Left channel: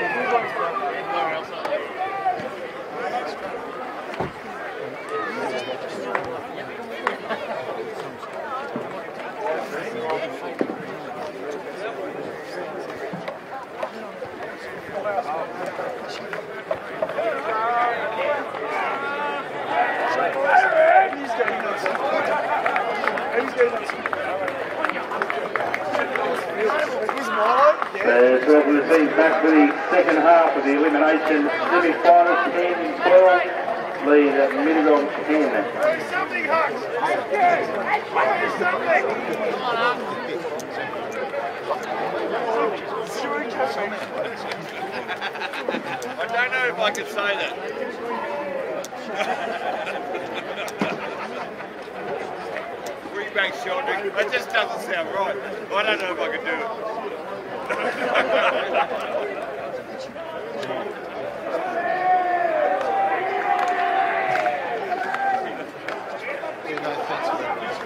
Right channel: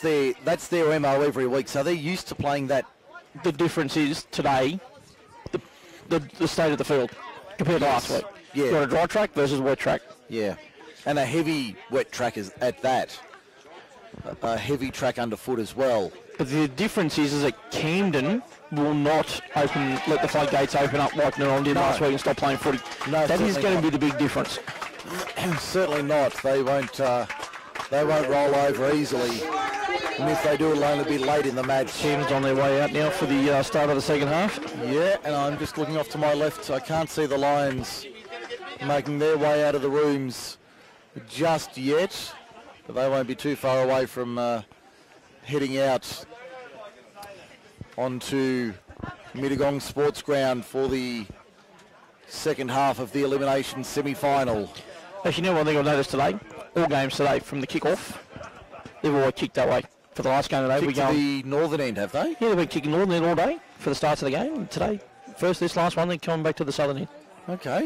that's their MO every week, so they're used to playing that. The difference is today, the state of the field compared to last week. Yeah. You've got a dry track versus a wet track. Yeah, and a heavy wet track is at that. A heavy track underfoot as well. But the difference is that Camden will not let the floodgates open up like Mittagong did last week and stop playing footy. No, that is going to be the big difference. Certainly not. They won't. Back to the second half of the elimination. Teams on their way out now for the start of the second half. I'm just looking off to my left, so I can't see the Lions making their way out of the rooms just yet. They won't be too far away from heading out. I don't know if I could say that. Onto Mittagong Sports Ground for the second half of the elimination semi-final. Actually, you know one thing I noticed today? All games today from the kick-off, they've all kicked that way. For the last game today, we go the northern end, have they? Yeah, we're kicking northern end all day for the start of the game. Today, first this last one, then coming back to the southern end. Okay.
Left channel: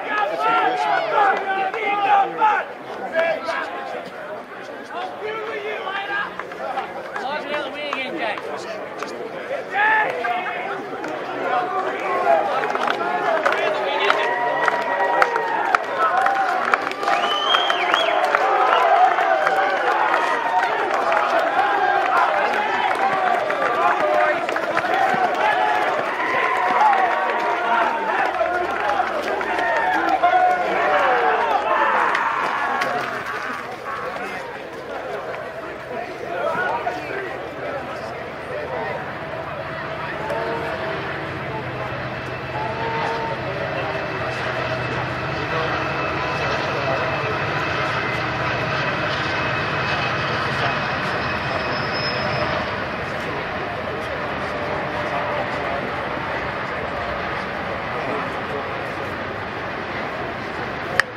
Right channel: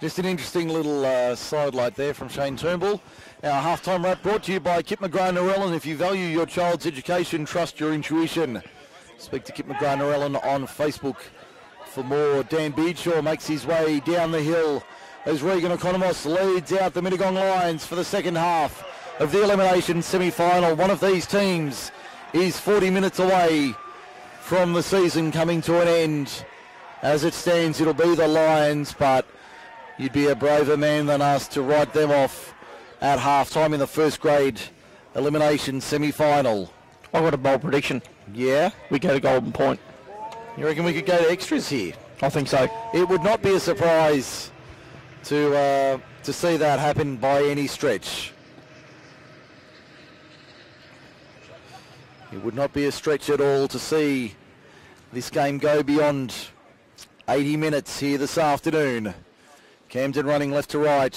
Just an interesting little sidelight there from Shean Turnbull. Our half-time wrap brought to you by Kip McGrath-Narellan. If you value your child's education, trust your intuition. Speak to Kip McGrath-Narellan on Facebook for more. Dan Beadshaw makes his way down the hill as Regan Economos leads out the Mittagong Lions for the second half of the elimination semi-final. One of these teams is 40 minutes away from the season coming to an end. As it stands, it'll be the Lions, but you'd be a braver man than us to write them off at half-time in the first grade elimination semi-final. I've got a bold prediction. Yeah? We go to Golden Point. I reckon we could go to extras here. I think so. It would not be a surprise to see that happen by any stretch. It would not be a stretch at all to see this game go beyond 80 minutes here this afternoon. Camden running left to right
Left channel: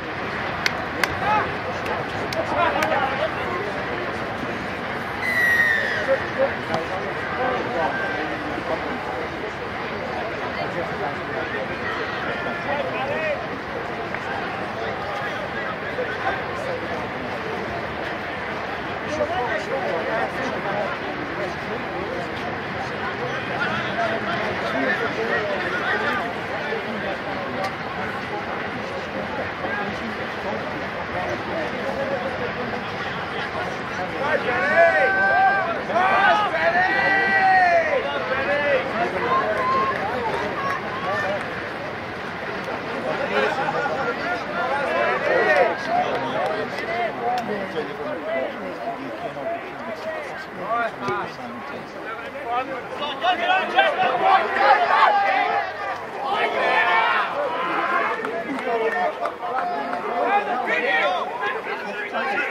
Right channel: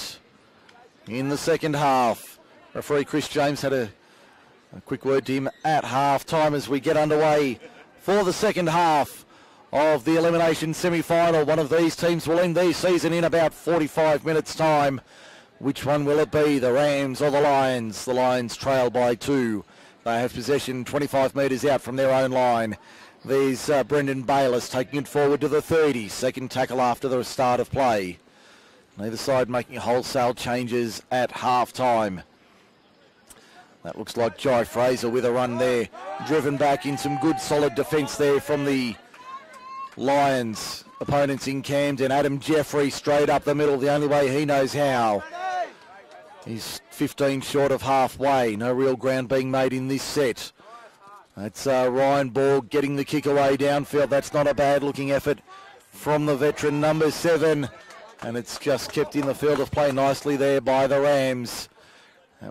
in the second half. Before Chris James had a quick word to him at half-time as we get underway for the second half of the elimination semi-final. One of these teams will end their season in about 45 minutes' time. Which one will it be, the Rams or the Lions? The Lions trail by 2. They have possession 25 metres out from their own line. There's Brendan Bayliss taking it forward to the 30. Second tackle after the start of play. Inside making wholesale changes at half-time. Looks like Joe Fraser with a run there. Driven back in some good solid defence there from the Lions. Opponents in Camden. Adam Jeffrey straight up the middle the only way he knows how. He's 15 short of halfway. No real ground being made in this set. That's Ryan Borg getting the kick away downfield. That's not a bad looking effort from the veteran number 7. And it's just kept in the field of play nicely there by the Rams.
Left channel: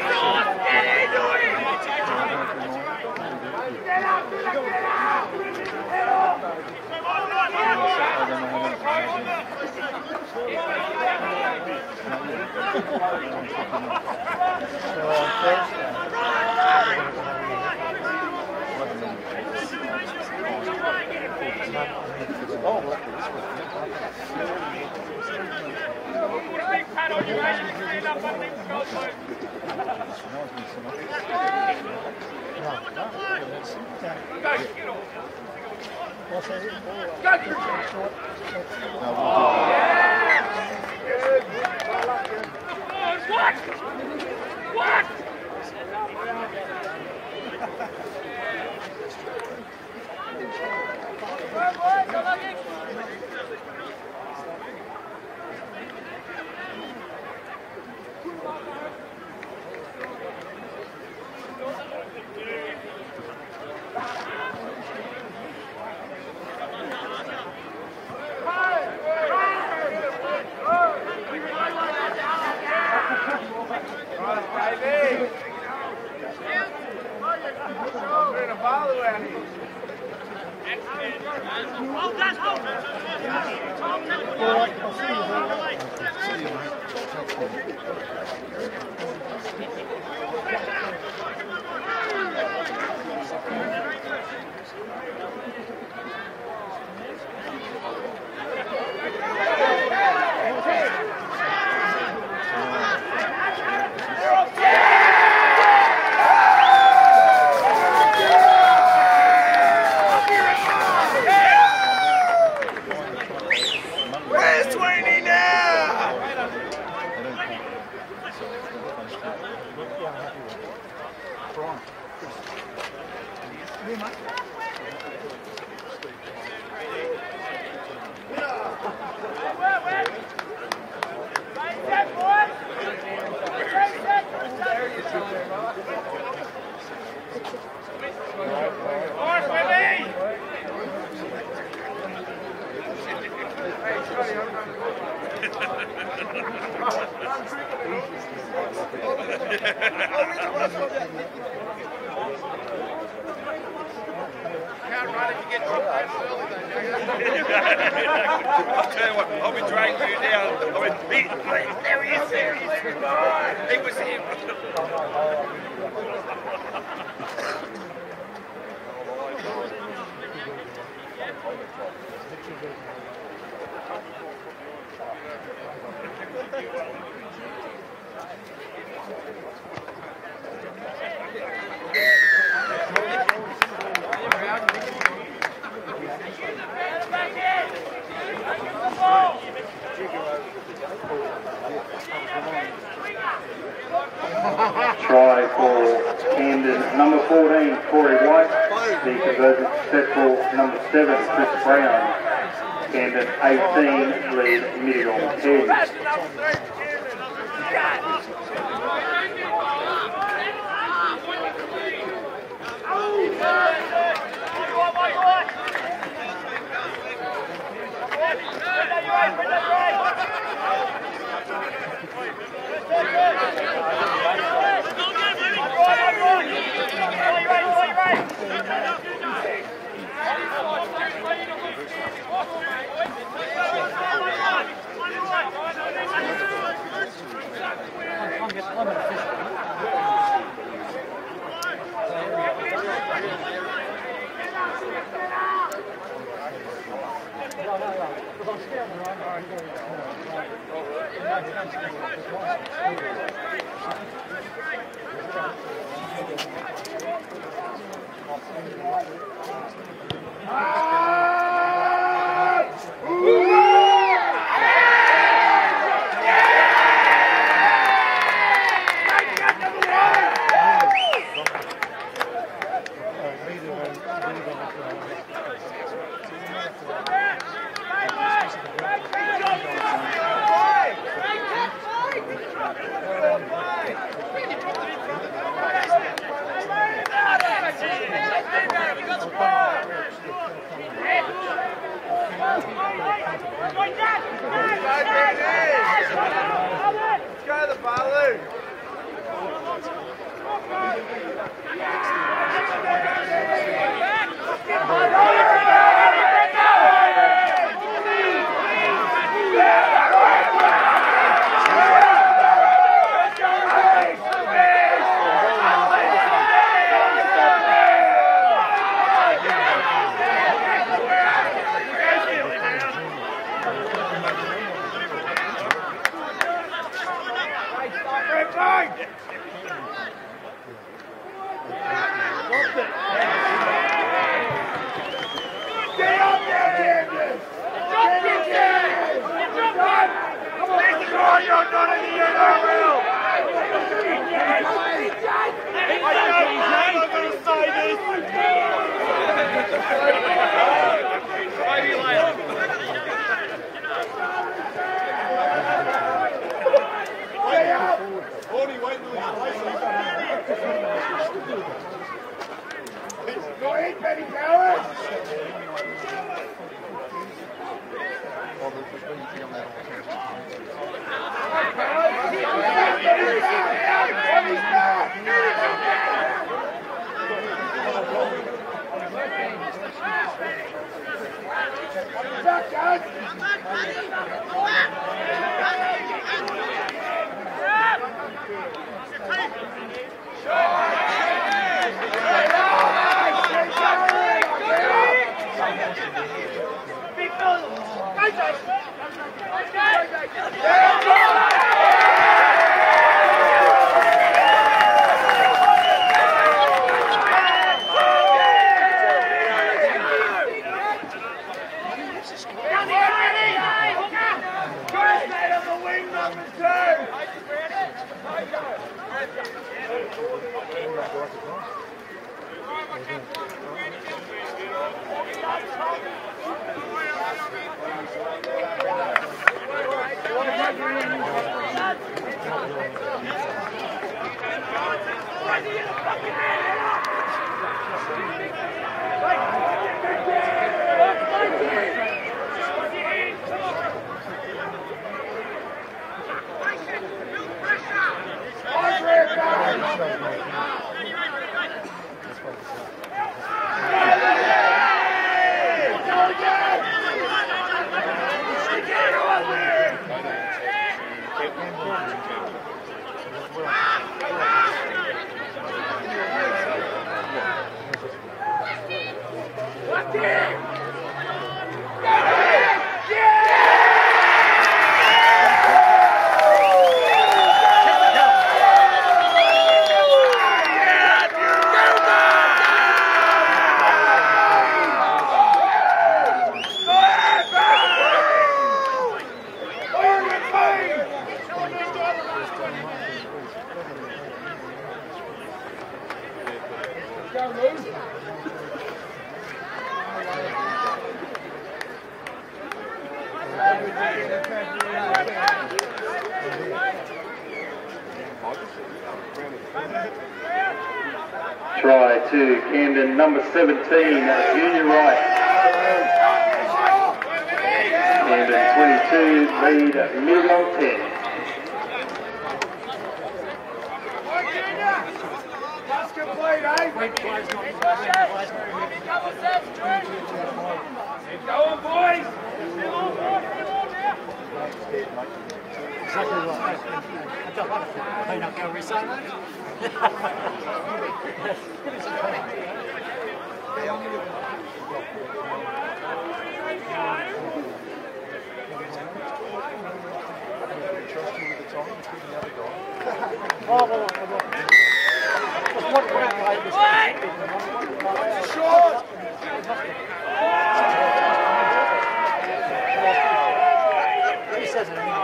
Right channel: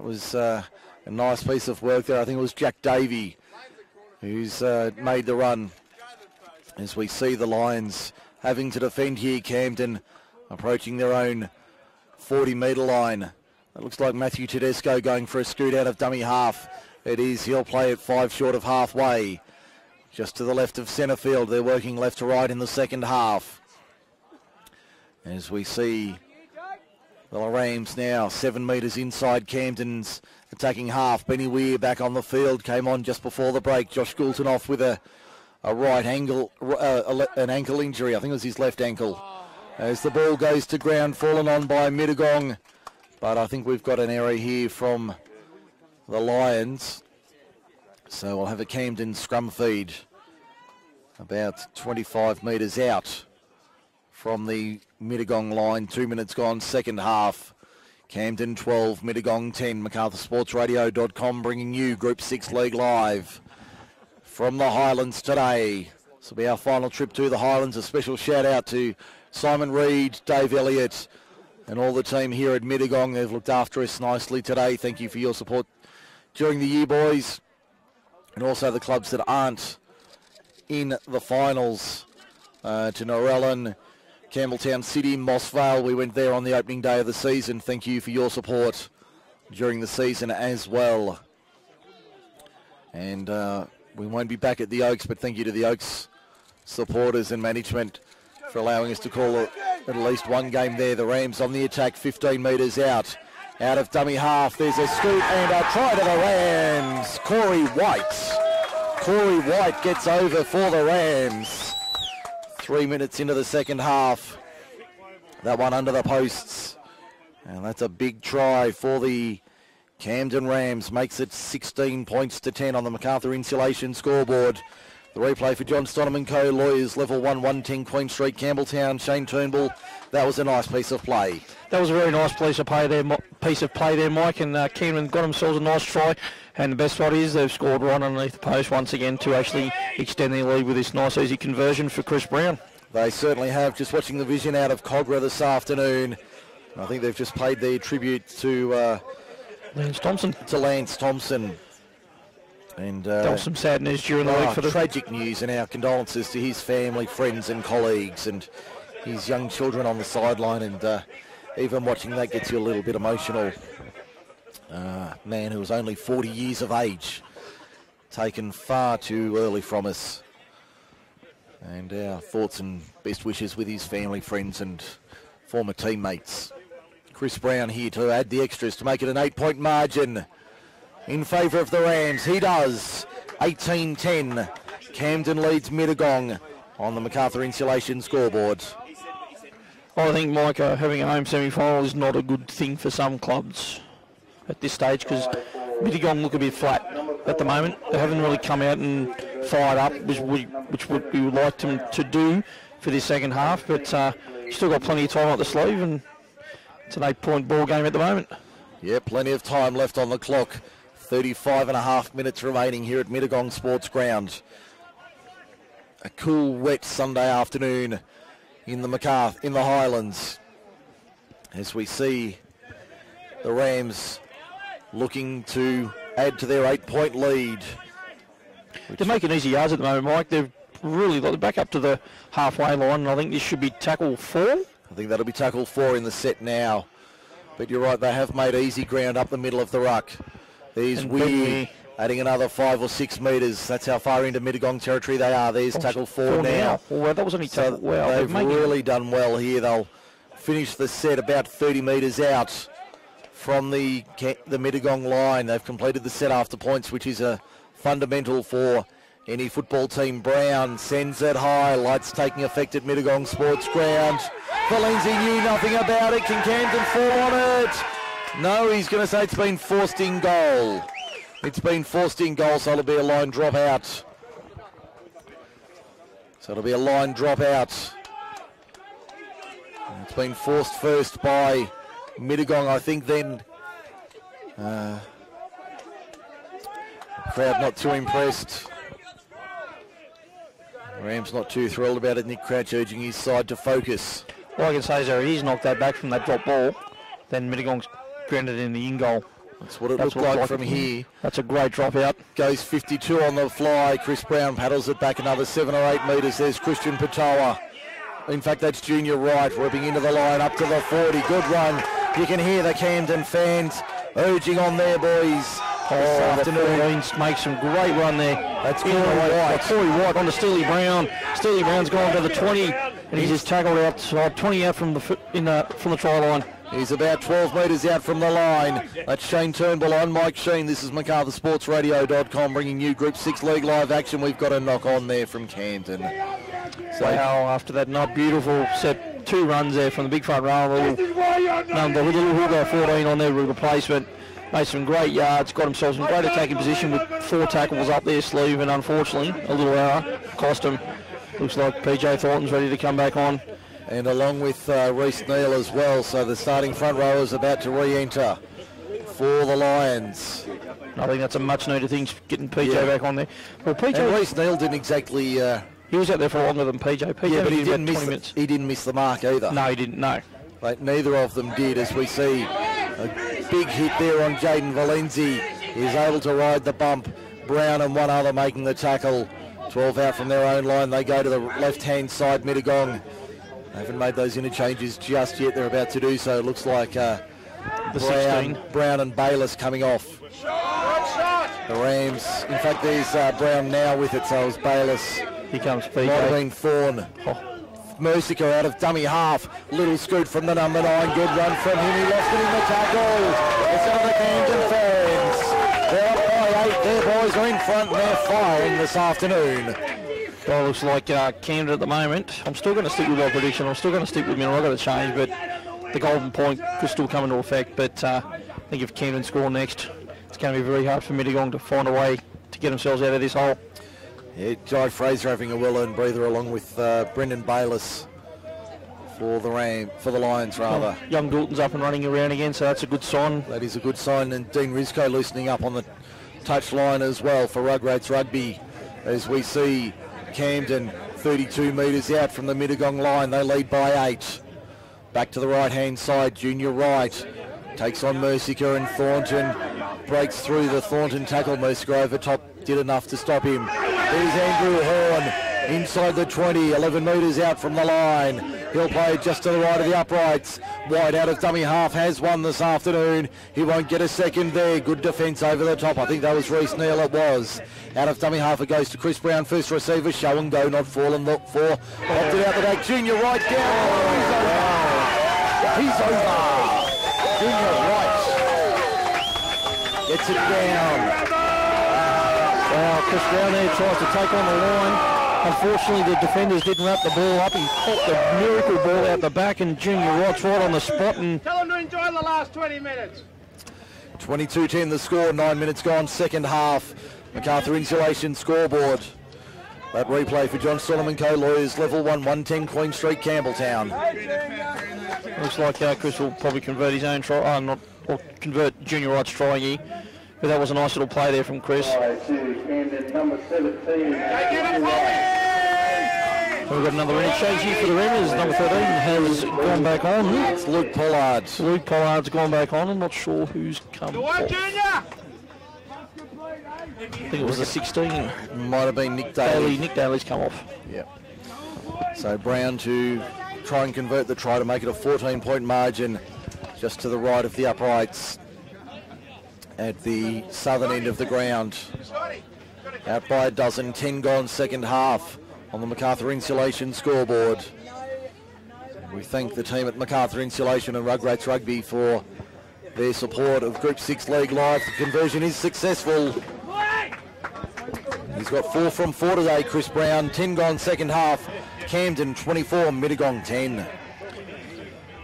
It's a nice piece of work there. I think it was Jack Davey who's made the run. As we see the Lions having to defend here, Camden approaching their own 40-metre line. Looks like Matthew Tedesco going for a scoot out of dummy half. It is, he'll play it 5 short of halfway. Just to the left of centre field, they're working left to right in the second half. As we see the Rams now 7 metres inside Camden's attacking half. Benny Weir back on the field, came on just before the break. Josh Goulton off with a right ankle, an ankle injury. I think it was his left ankle. As the ball goes to ground, fallen on by Mittagong. But I think we've got an error here from the Lions. So we'll have a Camden scrum feed about 25 metres out from the Mittagong line. 2 minutes gone, second half. Camden 12, Mittagong 10. MacArthurSportsRadio.com bringing you Group 6 League live from the Highlands today. This will be our final trip to the Highlands. A special shout out to Simon Reed, Dave Elliott and all the team here at Mittagong. They've looked after us nicely today. Thank you for your support during the year, boys. And also the clubs that aren't in the finals. To Narellan, Campbelltown City, Moss Vale. We went there on the opening day of the season. Thank you for your support during the season as well. And we won't be back at the Oaks, but thank you to the Oaks supporters and management for allowing us to call at least one game there. The Rams on the attack, 15 metres out of dummy half. There's a scoop and a try to the Rams. for the Rams. 3 minutes into the second half. That one under the posts. And that's a big try for the Camden Rams. Makes it 16 points to 10 on the MacArthur Insulation scoreboard. The replay for John Stonham and Co. Lawyers, level 1, 110 Queen Street, Campbelltown, Shean Turnbull. That was a nice piece of play. That was a very nice piece of play there, Mike, and Camden got themselves a nice try. And the best part is they've scored right underneath the post once again to actually extend their lead with this nice easy conversion for Chris Brown. They certainly have. Just watching the vision out of Cogra this afternoon. I think they've just paid their tribute to Lance Thompson. And there was some sad news during the week for the tragic news, and our condolences to his family, friends and colleagues and his young children on the sideline, and even watching that gets you a little bit emotional. Man who was only 40 years of age, taken far too early from us. And our thoughts and best wishes with his family, friends and former teammates. Chris Brown here to add the extras to make it an 8-point margin in favour of the Rams. He does. 18-10. Camden leads Mittagong on the MacArthur Insulation scoreboard. I think, Mike, having a home semi-final is not a good thing for some clubs at this stage, because Mittagong look a bit flat at the moment. They haven't really come out and fired up, which we like to do for the second half, but still got plenty of time up the sleeve, and it's an 8-point ball game at the moment. Yeah, plenty of time left on the clock. 35.5 minutes remaining here at Mittagong Sports Ground. A cool, wet Sunday afternoon in the Highlands, as we see the Rams looking to add to their 8-point lead. They're making easy yards at the moment, Mike. They've really got it back up to the halfway line. I think this should be tackle 4. I think that'll be tackle 4 in the set now. But you're right, they have made easy ground up the middle of the ruck. There's Weir adding another 5 or 6 metres. That's how far into Mittagong territory they are. There's tackle 4 now. Well, that was only so they've really done well here. They'll finish the set about 30 metres out from the Mittagong line. They've completed the set after points, which is a fundamental for any football team. Brown sends it high. Lights taking effect at Mittagong Sports Ground. Valenzi knew nothing about it. Can Camden fall on it? No, he's going to say it's been forced in goal. It's been forced in goal, so it'll be a line drop out. So it'll be a line drop out. It's been forced first by Mittagong, I think, then. Crowd not too impressed. Rams not too thrilled about it. Nick Crouch urging his side to focus. All I can say is that he's knocked that back from that drop ball. Then Mittagong's grounded in the in goal. That's what it looks like from here. That's a great drop out. Goes 52 on the fly. Chris Brown paddles it back another 7 or 8 metres. There's Christian Patoa. In fact, that's Junior Wright walking into the line up to the 40. Good run. You can hear the Camden fans urging on their boys. Afternoons make some great run there. That's Junior Wright. That's very right on to Steely Brown. Steely Brown's gone to the 20. And he's just tackled outside, 20 out from the try line. He's about 12 metres out from the line. That's Shane Turnbull on Mike Shean. This is MacArthurSportsRadio.com bringing you Group 6 League live action. We've got a knock on there from Camden. So now after that beautiful set, 2 runs there from the big front row. We'll go 14 on there with replacement. Made some great yards, got himself in great attacking position with 4 tackles up their sleeve, and unfortunately, cost him. Looks like PJ Thornton's ready to come back on. And along with Reece Neal as well, so the starting front row is about to re-enter for the Lions. I think that's a much needed thing, getting PJ back on there. Well, PJ Reece Neal didn't exactly... he was out there for longer than PJ. Yeah, but he didn't miss the mark either. No, he didn't, no. Like, neither of them did, as we see a big hit there on Jaden Valenzi. He's able to ride the bump. Brown and one other making the tackle. 12 out from their own line. They go to the left-hand side, Mittagong. Haven't made those interchanges just yet. They're about to do so. It looks like Brown and Bayless coming off. The Rams, in fact, there's Brown now with it, so it's Bayless. Here comes PJ. Might have been Thorn. Mercica out of dummy half. Little scoot from the number 9. Good run from him. He lost it in the tackle. Some of the Camden fans. Their boys are in front. They're flying this afternoon. Well, looks like Camden at the moment. I'm still going to stick with my prediction. I'm still going to stick with me. I've got to change, but the golden point could still come into effect. But I think if Camden score next, it's going to be very hard for Mittagong to find a way to get themselves out of this hole. Yeah, Jai Fraser having a well-earned breather along with Brendan Bayliss for the Lions, rather. Young Goulton's up and running around again, so that's a good sign. That is a good sign, and Dean Risco loosening up on the touchline as well for Rugrats Rugby. As we see Camden 32 metres out from the Mittagong line, they lead by 8. Back to the right-hand side, Junior Wright takes on Mercica, and Thornton breaks through the Thornton tackle. Mercica over top did enough to stop him. There's Andrew Horn inside the 20, 11 metres out from the line. He'll play just to the right of the uprights. Wide out of dummy half, has one this afternoon. He won't get a second there. Good defence over the top. I think that was Reece Neal, it was. Out of dummy half, it goes to Chris Brown, first receiver. Show and go, not fall and look for. Junior Wright down. He's over. It's a down. Chris Brown tries to take on the line. Unfortunately, the defenders didn't wrap the ball up and put the miracle ball out the back, and Junior Wright's right on the spot. And 22-10 the score, 9 minutes gone, second half. MacArthur Insulation scoreboard. That replay for John Solomon Co. Lawyers, level 1, 110 Queen Street, Campbelltown. Looks like Chris will probably convert his own try, or convert Junior Wright's try here. But that was a nice little play there from Chris. Try to Camden, number 17, Junior Wright. We've got another change here for the Rams. Number 14 has gone back on. It's Luke Pollard. Luke Pollard's gone back on. I'm not sure who's coming off. I think it was a 16. Might have been Nick Daly. Nick Daly's come off. So Brown to try and convert the try to make it a 14-point margin just to the right of the uprights at the southern end of the ground. Out by a dozen, 10 gone second half on the MacArthur Insulation scoreboard. We thank the team at MacArthur Insulation and Rugrats Rugby for their support of Group 6 League Life. Conversion is successful. He's got 4 from 4 today, Chris Brown. 10 gone second half. Camden 24, Mittagong 10.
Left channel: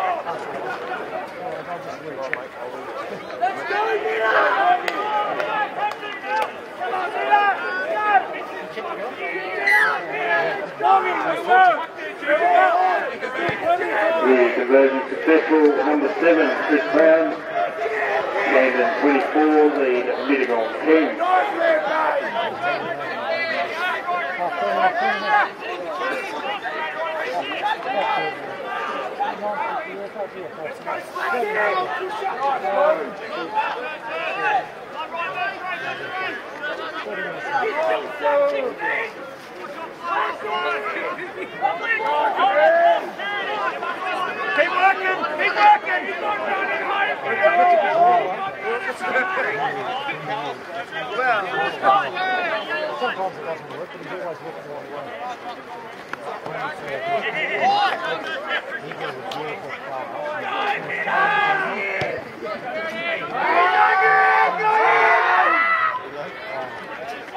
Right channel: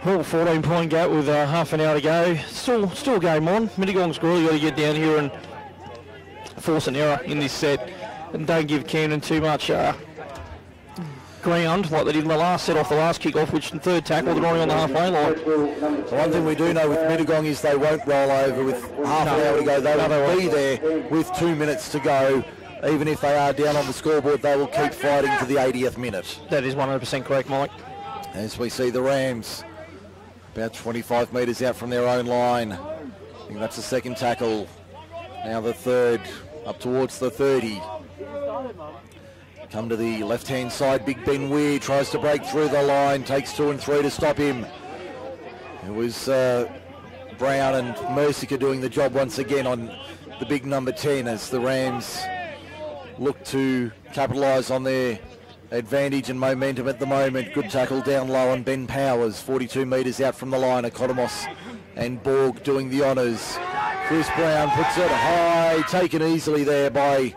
Well, 14-point gap with half an hour to go. Still game on. Mittagong's really got to get down here and force an error in this set. And don't give Camden too much ground like they did in the last set off the last kick-off, which the third tackle going on the left lane line. One thing we do know with Mittagong is they won't roll over with half an hour to go. They will be there with 2 minutes to go. Even if they are down on the scoreboard, they will keep fighting to the 80th minute. That is 100% correct, Mike. As we see the Rams about 25 metres out from their own line. And that's the second tackle. Now the third, up towards the 30. Come to the left-hand side, Big Ben Weir tries to break through the line, takes 2 and 3 to stop him. It was Brown and Mercica doing the job once again on the big number 10 as the Rams look to capitalise on their advantage and momentum at the moment. Good tackle down low on Ben Powers, 42 metres out from the line. Economos and Borg doing the honours. Chris Brown puts it high, taken easily there by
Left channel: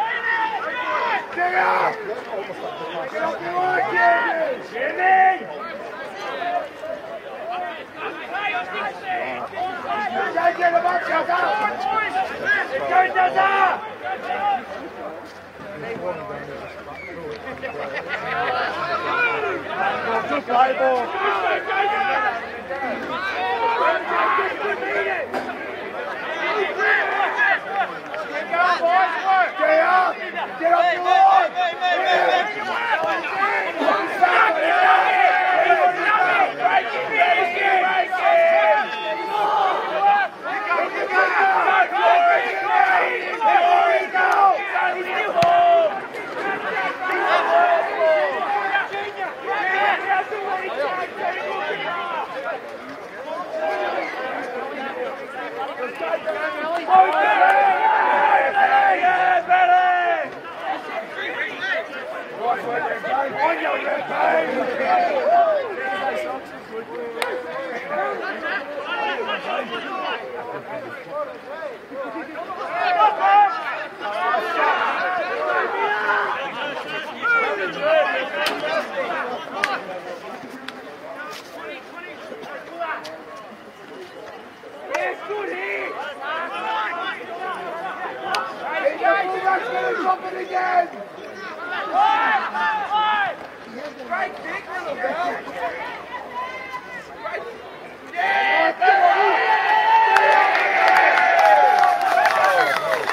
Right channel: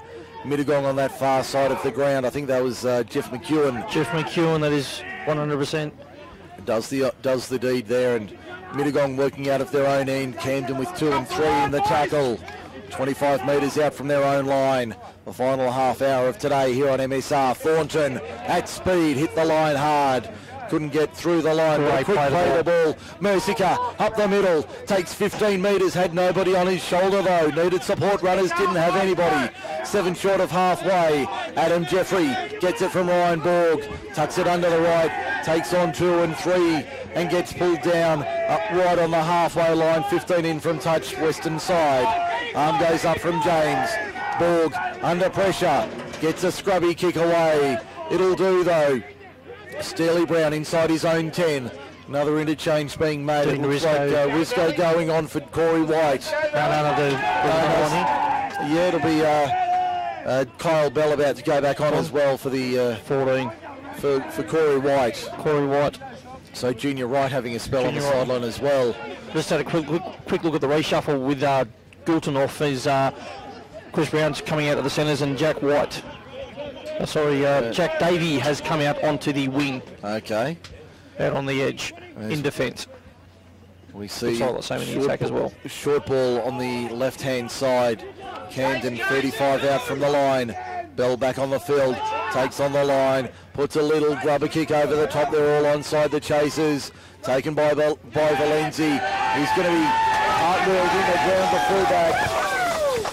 Mittagong on that far side of the ground. I think that was Jeff McEwen. Jeff McEwen, that is 100%. Does the deed there, and Mittagong working out of their own end. Camden with 2 and 3 in the tackle. 25 metres out from their own line. The final half hour of today here on MSR. Thornton at speed, hit the line hard. Couldn't get through the line. Quick play the ball. Mercica up the middle. Takes 15 metres. Had nobody on his shoulder though. Needed support runners. Didn't have anybody. 7 short of halfway. Adam Jeffrey gets it from the line board. Tucks it under the right. Takes on 2 and 3 and gets pulled down. Up right on the halfway line. 15 in from touch. Western side. Arm goes up from James. Borg under pressure, gets a scrubby kick away. It'll do though. Steely Brown inside his own 10. Another interchange being made. Risco going on for Corey White. Yeah, it'll be Kyle Bell about to go back on as well for the 14 for Corey White. So Junior Wright having a spell on the sideline as well. Just had a quick look at the reshuffle with Goulton off. Chris Brown's coming out of the centres and Jack White Sorry, Jack Davey has come out onto the wing. Okay. Out on the edge, in defence. We see the same in the attack as well. Short ball on the left-hand side. Camden 35 out from the line. Bell back on the field, takes on the line, puts a little rubber kick over the top. They're all onside the chasers. Taken by Valenzi. He's going to be hard-wheeled in the ground to fullback.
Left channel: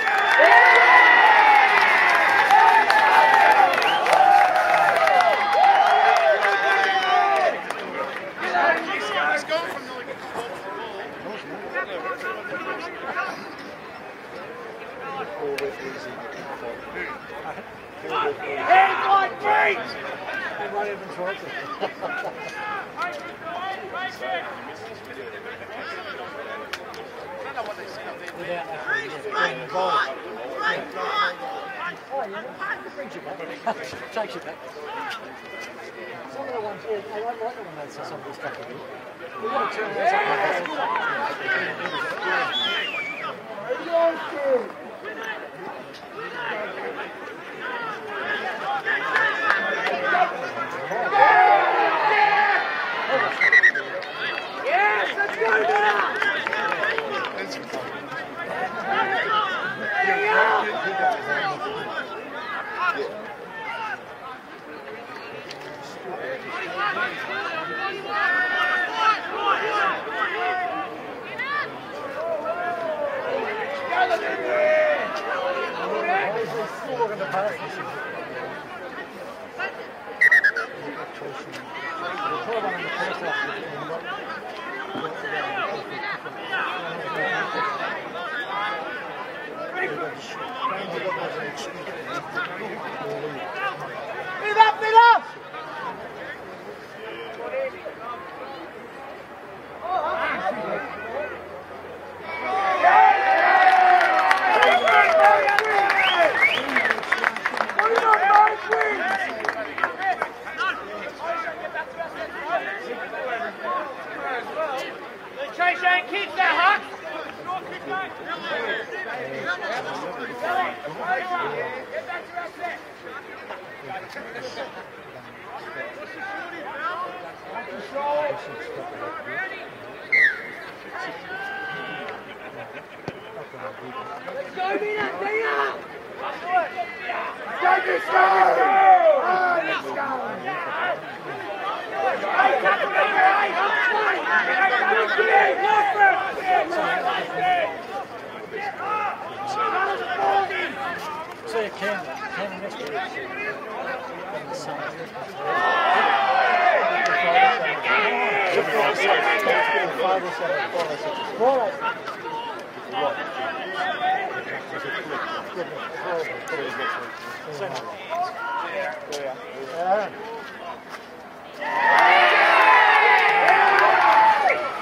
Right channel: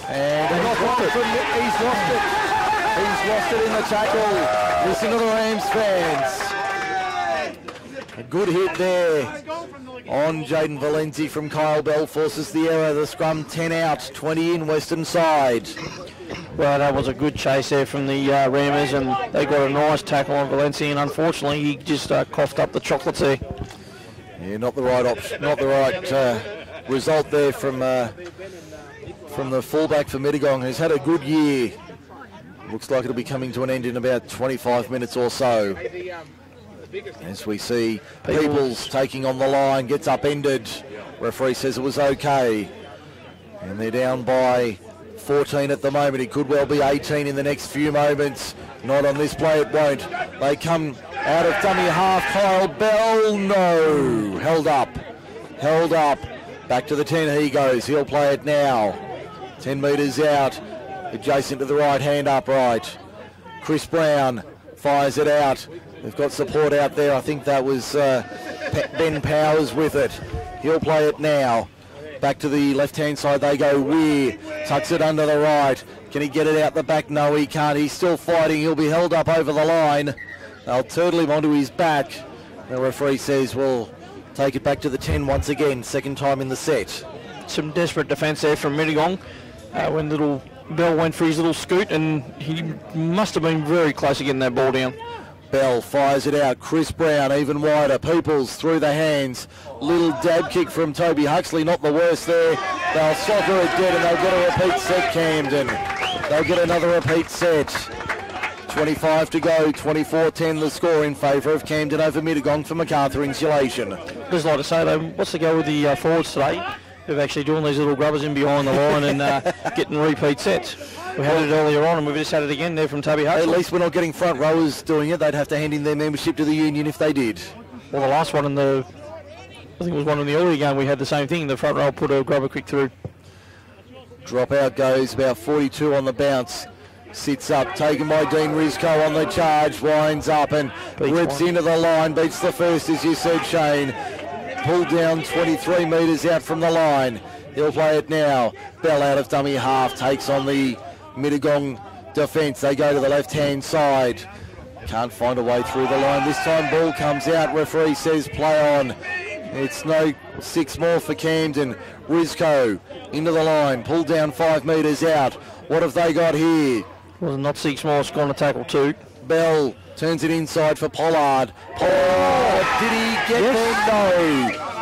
And he's lost it in the tackle. Listen to the Rams fans. A good hit there on Jaden Valenzi from Kyle Bell, forces the error. The scrum 10 out, 20 in western side. Well, that was a good chase there from the Rammers, and they got a nice tackle on Valenzi, and unfortunately he just coughed up the chocolates there. Yeah, not the right option, not the right result there from the fullback for Mittagong, who's had a good year. Looks like it'll be coming to an end in about 25 minutes or so. As we see Peoples taking on the line, gets upended. Referee says it was okay. And they're down by 14 at the moment. It could well be 18 in the next few moments. Not on this play, it won't. They come out of dummy half. Kyle Bell, no. Held up. Back to the 10 he goes. He'll play it now. 10 metres out. Adjacent to the right hand upright. Chris Brown fires it out. We've got support out there. I think that was Ben Powers with it. He'll play it now. Back to the left-hand side they go. Weir tucks it under the right. Can he get it out the back? No, he can't. He's still fighting. He'll be held up over the line. They'll turtle him onto his back. The referee says we'll take it back to the 10 once again. Second time in the set. Some desperate defence there from Mittagong. When little Bell went for his little scoot, and he must have been very close to getting that ball down. Bell fires it out. Chris Brown even wider. Peoples through the hands. Little dab kick from Toby Huxley. Not the worst there. Soccer is good, and they'll get a repeat set, Camden. They'll get another repeat set. 25 to go. 24-10 the score in favour of Camden over Mittagong for MacArthur Insulation. Just like to say, though, what's the go with the forwards today? They're actually doing these little grubbers in behind the line and getting repeat sets. We had it earlier on, and we've just had it again there from Toby Huxley. At least we're not getting front rowers doing it. They'd have to hand in their membership to the union if they did. Well, the last one I think it was one in the earlier game, we had the same thing. The front row put a grubber quick through. Drop out goes, about 42 on the bounce. Sits up, taken by Dean Rizko on the charge, winds up and whips into the line, beats the first, as you said, Shane. Pulled down 23 metres out from the line. He'll play it now. Bell out of dummy half, takes on the Mittagong defence. They go to the left-hand side. Can't find a way through the line. This time ball comes out. Referee says play on. It's no 6 more for Camden. Rizko into the line. Pulled down 5 metres out. What have they got here? Not 6 more, scoring a tackle 2. Bell turns it inside for Pollard. Pollard, did he get there?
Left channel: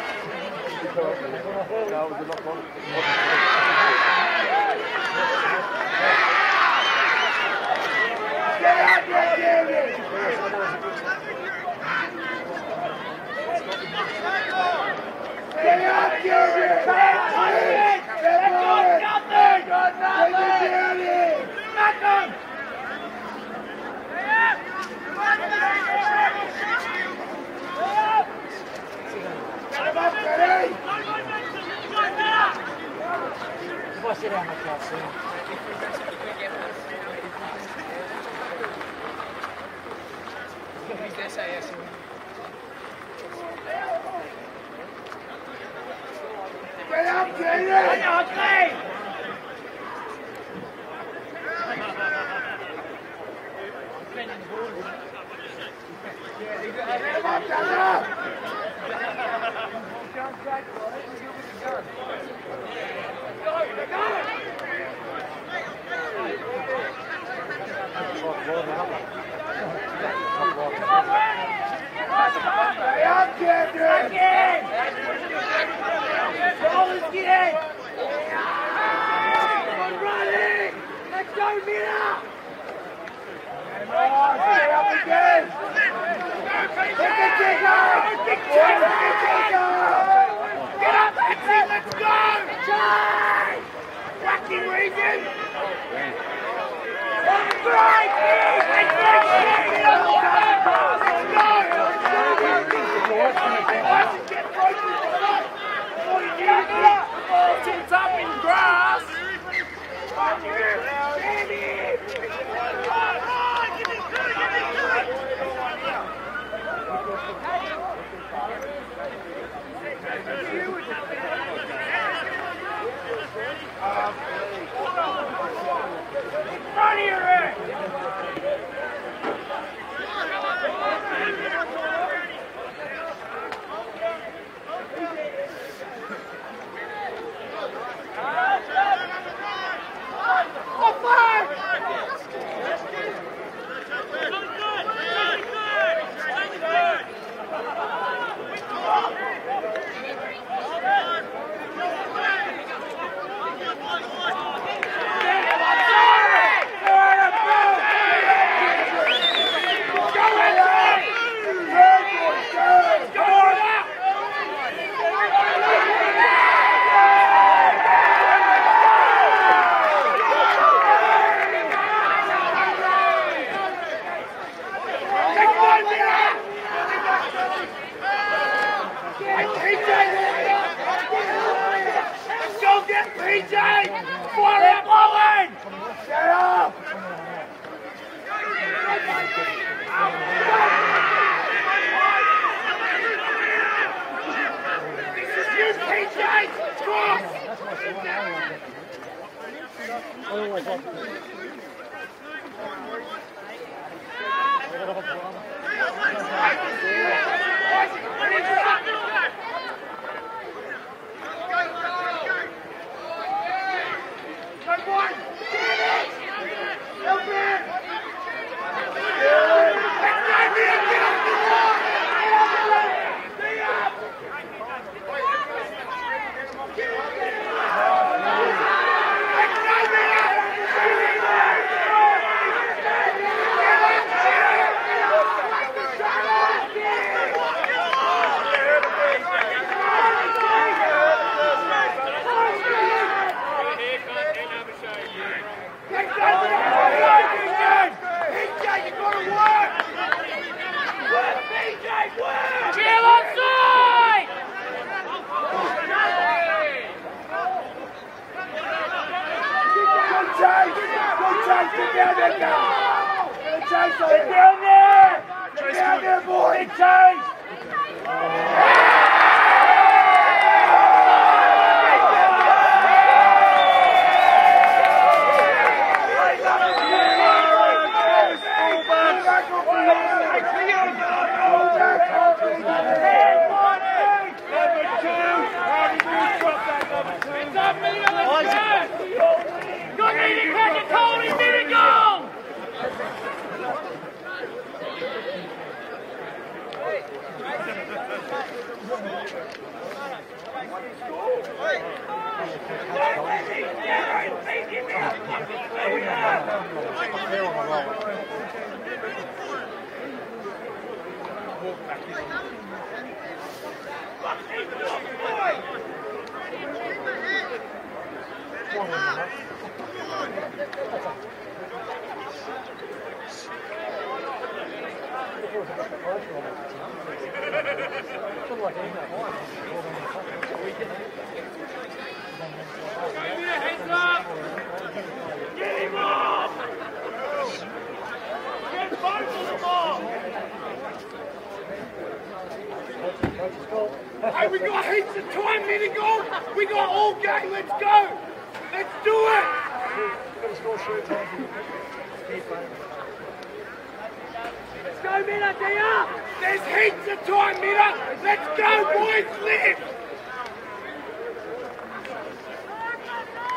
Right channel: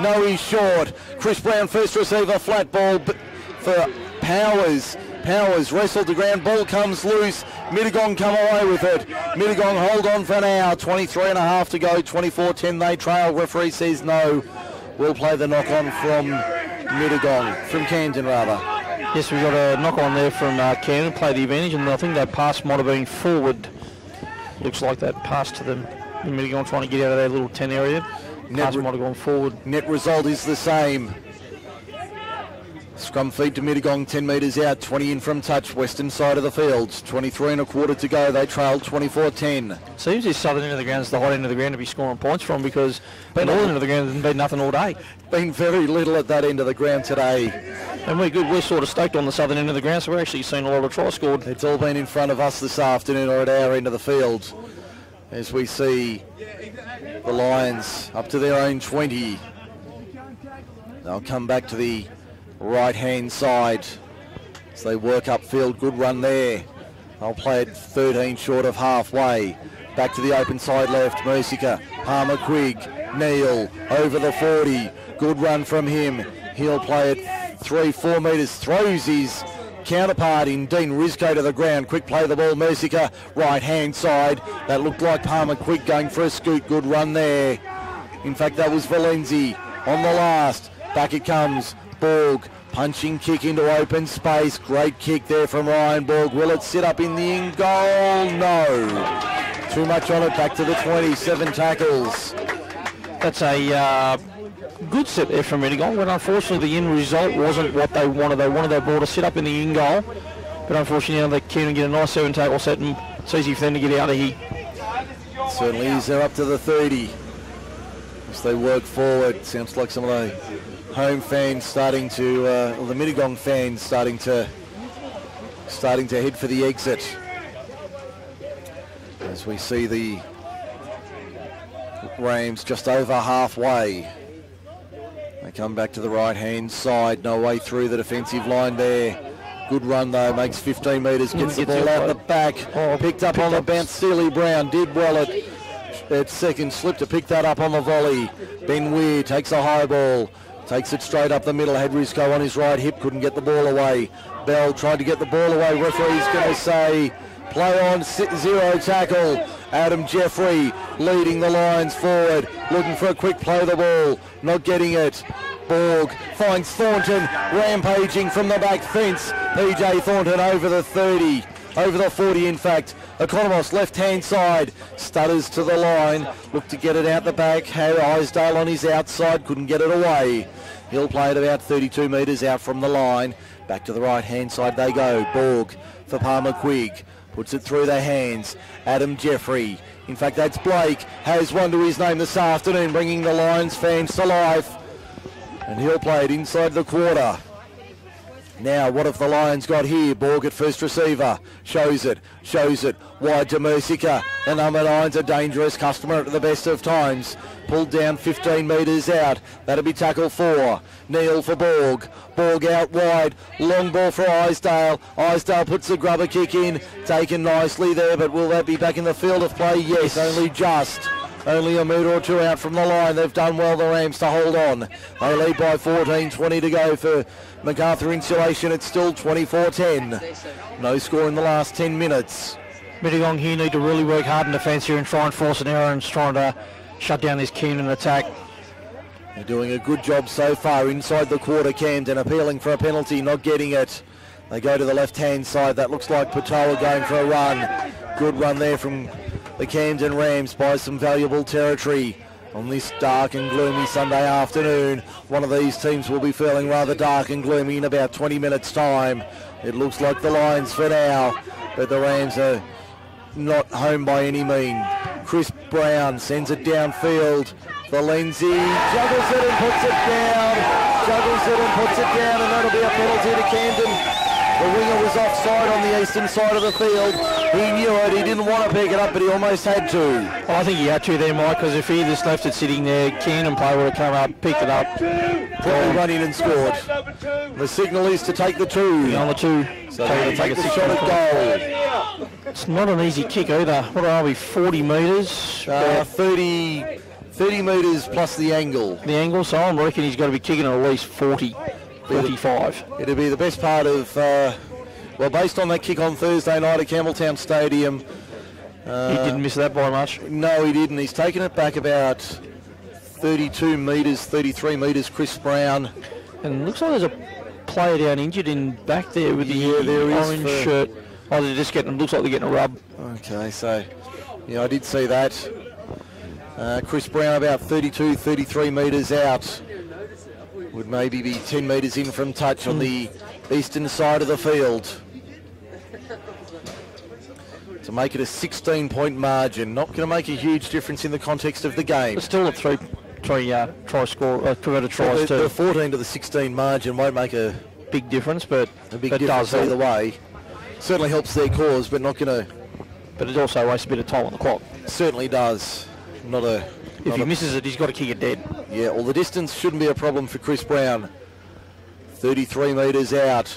No, he's short. Chris Brown first receiver, flat ball for Powers. Powers wrestled to ground, ball comes loose. Mittagong come away with it. Mittagong hold on for now. 23 and a half to go. 24-10 they trail. Referee says no. We'll play the knock on from Mittagong, from Camden rather. Yes, we've got a knock on there from Camden, play the advantage, and I think that pass might have been forward. Looks like that pass to them. Mittagong trying to get out of their little 10 area. Pass might have gone forward. Net result is the same. Scrum feed to Mittagong, 10 metres out, 20 in from touch, western side of the field. 23 and a quarter to go, they trailed 24-10. Seems this southern end of the ground is the hot end of the ground to be scoring points from, because the northern end of the ground hasn't been nothing all day. Been very little at that end of the ground today. And we're sort of stoked on the southern end of the ground, so we're actually seeing a lot of tries scored. It's all been in front of us this afternoon or at our end of the field. As we see the Lions up to their own 20. They'll come back to the right-hand side as they work upfield. Good run there. I'll play it 13 short of halfway. Back to the open side left. Mercica, Palmer Quigg, Neal over the 40. Good run from him. He'll play it 3-4 metres. Throws his counterpart in Dean Rizko to the ground. Quick play the ball. Mercica, right-hand side. That looked like Palmer Quigg going for a scoop. Good run there. In fact, that was Valenzi on the last. Back it comes. Borg, punching kick into open space. Great kick there from Ryan Borg. Will it sit up in the end goal? No. Too much on it. Back to the 27 tackles. That's a good set there from Mittagong, but unfortunately the end result wasn't what they wanted. They wanted their ball to sit up in the in goal, but unfortunately now they can get a nice 7 tackle set, and it's easy for them to get out of here. Certainly is. They're up to the 30 as they work forward. Sounds like some of the home fans starting to, the Mittagong fans starting to head for the exit. As we see the Rams just over halfway. Come back to the right-hand side, no way through the defensive line there. Good run though, makes 15 metres, gets the ball out the back. Picked up on the bounce, Sealy Brown did well at that second slip to pick that up on the volley. Ben Weir takes a high ball, takes it straight up the middle, had Risco on his right hip, couldn't get the ball away. Bell tried to get the ball away, referee's going to say play on, 6-0 tackle. Adam Jeffrey leading the Lions forward, looking for a quick play the ball, not getting it. Borg finds Thornton, rampaging from the back fence. PJ Thornton over the 40 in fact. Economos left-hand side, stutters to the line, looked to get it out the back. Harry Isdale on his outside, couldn't get it away. He'll play it about 32 metres out from the line. Back to the right-hand side they go. Borg for Palmer Quigg, puts it through their hands. Adam Jeffrey, in fact that's Blake, has one to his name this afternoon, bringing the Lions fans to life. And he'll play it inside the quarter. Now, what have the Lions got here? Borg at first receiver. Shows it. Wide to Mercica. The number 9's a dangerous customer at the best of times. Pulled down 15 metres out. That'll be tackle 4. Neil for Borg. Borg out wide. Long ball for Isdale. Isdale puts the grubber kick in. Taken nicely there, but will that be back in the field of play? Yes, only just. Only a metre or two out from the line. They've done well, the Rams, to hold on. They lead by 14, 20 to go for MacArthur Insulation. It's still 24-10. No score in the last 10 minutes. Mittagong here need to really work hard in defence here and try and force an error and trying to shut down this Keenan attack. Doing a good job so far inside the quarter. Camden appealing for a penalty, not getting it. They go to the left-hand side. That looks like Patara going for a run. Good run there from the Camden Rams by some valuable territory. On this dark and gloomy Sunday afternoon, one of these teams will be feeling rather dark and gloomy in about 20 minutes' time. It looks like the Lions for now, but the Rams are not home by any means. Chris Brown sends it downfield for Lindsay. Juggles it and puts it down. And that'll be a penalty to Camden. The winger was offside on the eastern side of the field. He knew it, he didn't want to pick it up, but he almost had to. I think he had to there, Mike, because if he just left it sitting there, Keenan player would have come up, picked it up. Probably run in and scored. The signal is to take the 2. On the 2. So they'll take a 6-shot goal. It's not an easy kick either. What are we, 40 metres? 30 metres plus the angle. The angle, so I reckon he's got to be kicking at least 40, 45. It'll be the best part of, well, based on that kick on Thursday night at Campbelltown Stadium. He didn't miss that by much. No, he didn't. He's taken it back about 32 metres, 33 metres, Chris Brown. And it looks like there's a player down injured in back there with the orange shirt. Oh, they're just getting, looks like they're getting a rub. Okay, so, yeah, I did see that. Chris Brown about 32, 33 metres out. Would maybe be 10 metres in from touch on the eastern side of the field. To make it a 16-point margin. Not going to make a huge difference in the context of the game. It's still a three try score, both 2 other tries too. The 14 to the 16 margin won't make a big difference, but it does either way. Certainly helps their cause, but not going to. But it also wastes a bit of time on the clock. Certainly does. If he misses it, he's got to kick it dead. Yeah, well, the distance shouldn't be a problem for Chris Brown. 33 metres out.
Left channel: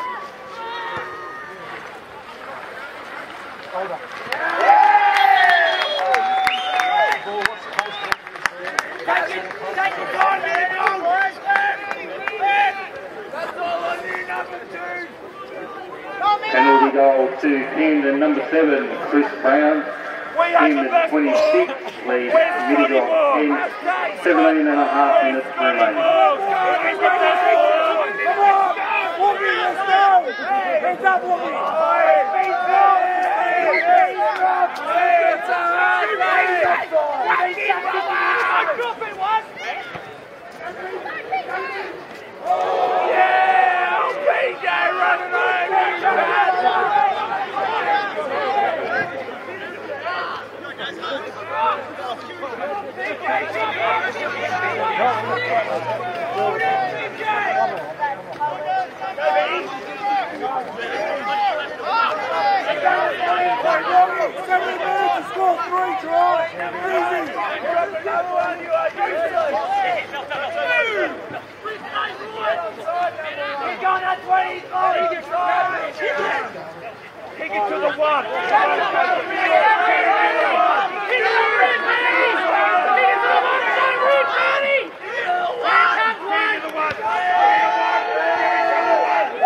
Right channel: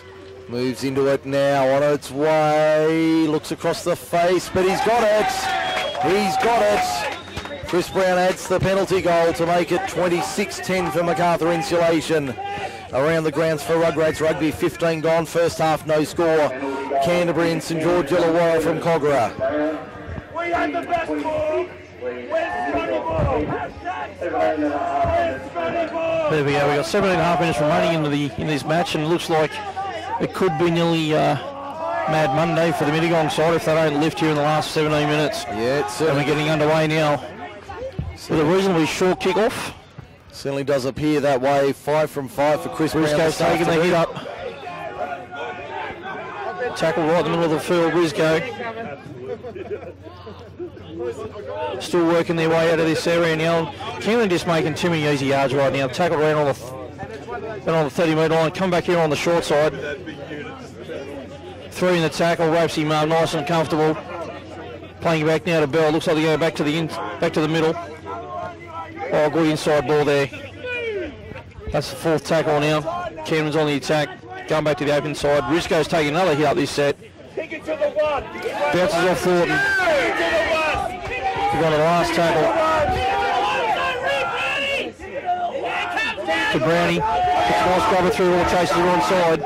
Moves into it now, on its way. Looks across the face, but he's got it. Chris Brown adds the penalty goal to make it 26-10 for MacArthur Insulation. Around the grounds for Rugrats Rugby, 15 gone, first half no score. Canterbury and St George Illawarra from Cogra. 26 lead, Mittagong 10, 17.5 minutes remaining. There we go, we've got 7.5 minutes remaining in this match, and it looks like it could be nearly Mad Monday for the Mittagong side if they don't lift here in the last 17 minutes. Yeah, it's certainly Getting underway now. So the reasonably short kick-off. certainly does appear that way. 5 from 5 for Chris Briscoe. Taking the hit up. Tackle right in the middle of the field, Briscoe. Still working their way out of this area now. Keelan just making too many easy yards right now. Tackle around on the 30-metre line. Come back here on the short side. Throwing the tackle, ropes him nice and comfortable. Playing back now to Bell. Looks like they go back to the middle. Oh, good inside ball there. That's the fourth tackle now. Camden's on the attack. Going back to the open side. Briscoe's taking another hit up this set. Bounces off Thornton. Got the last tackle. To Brownie. Nice grabber through all the chase to the wrong side.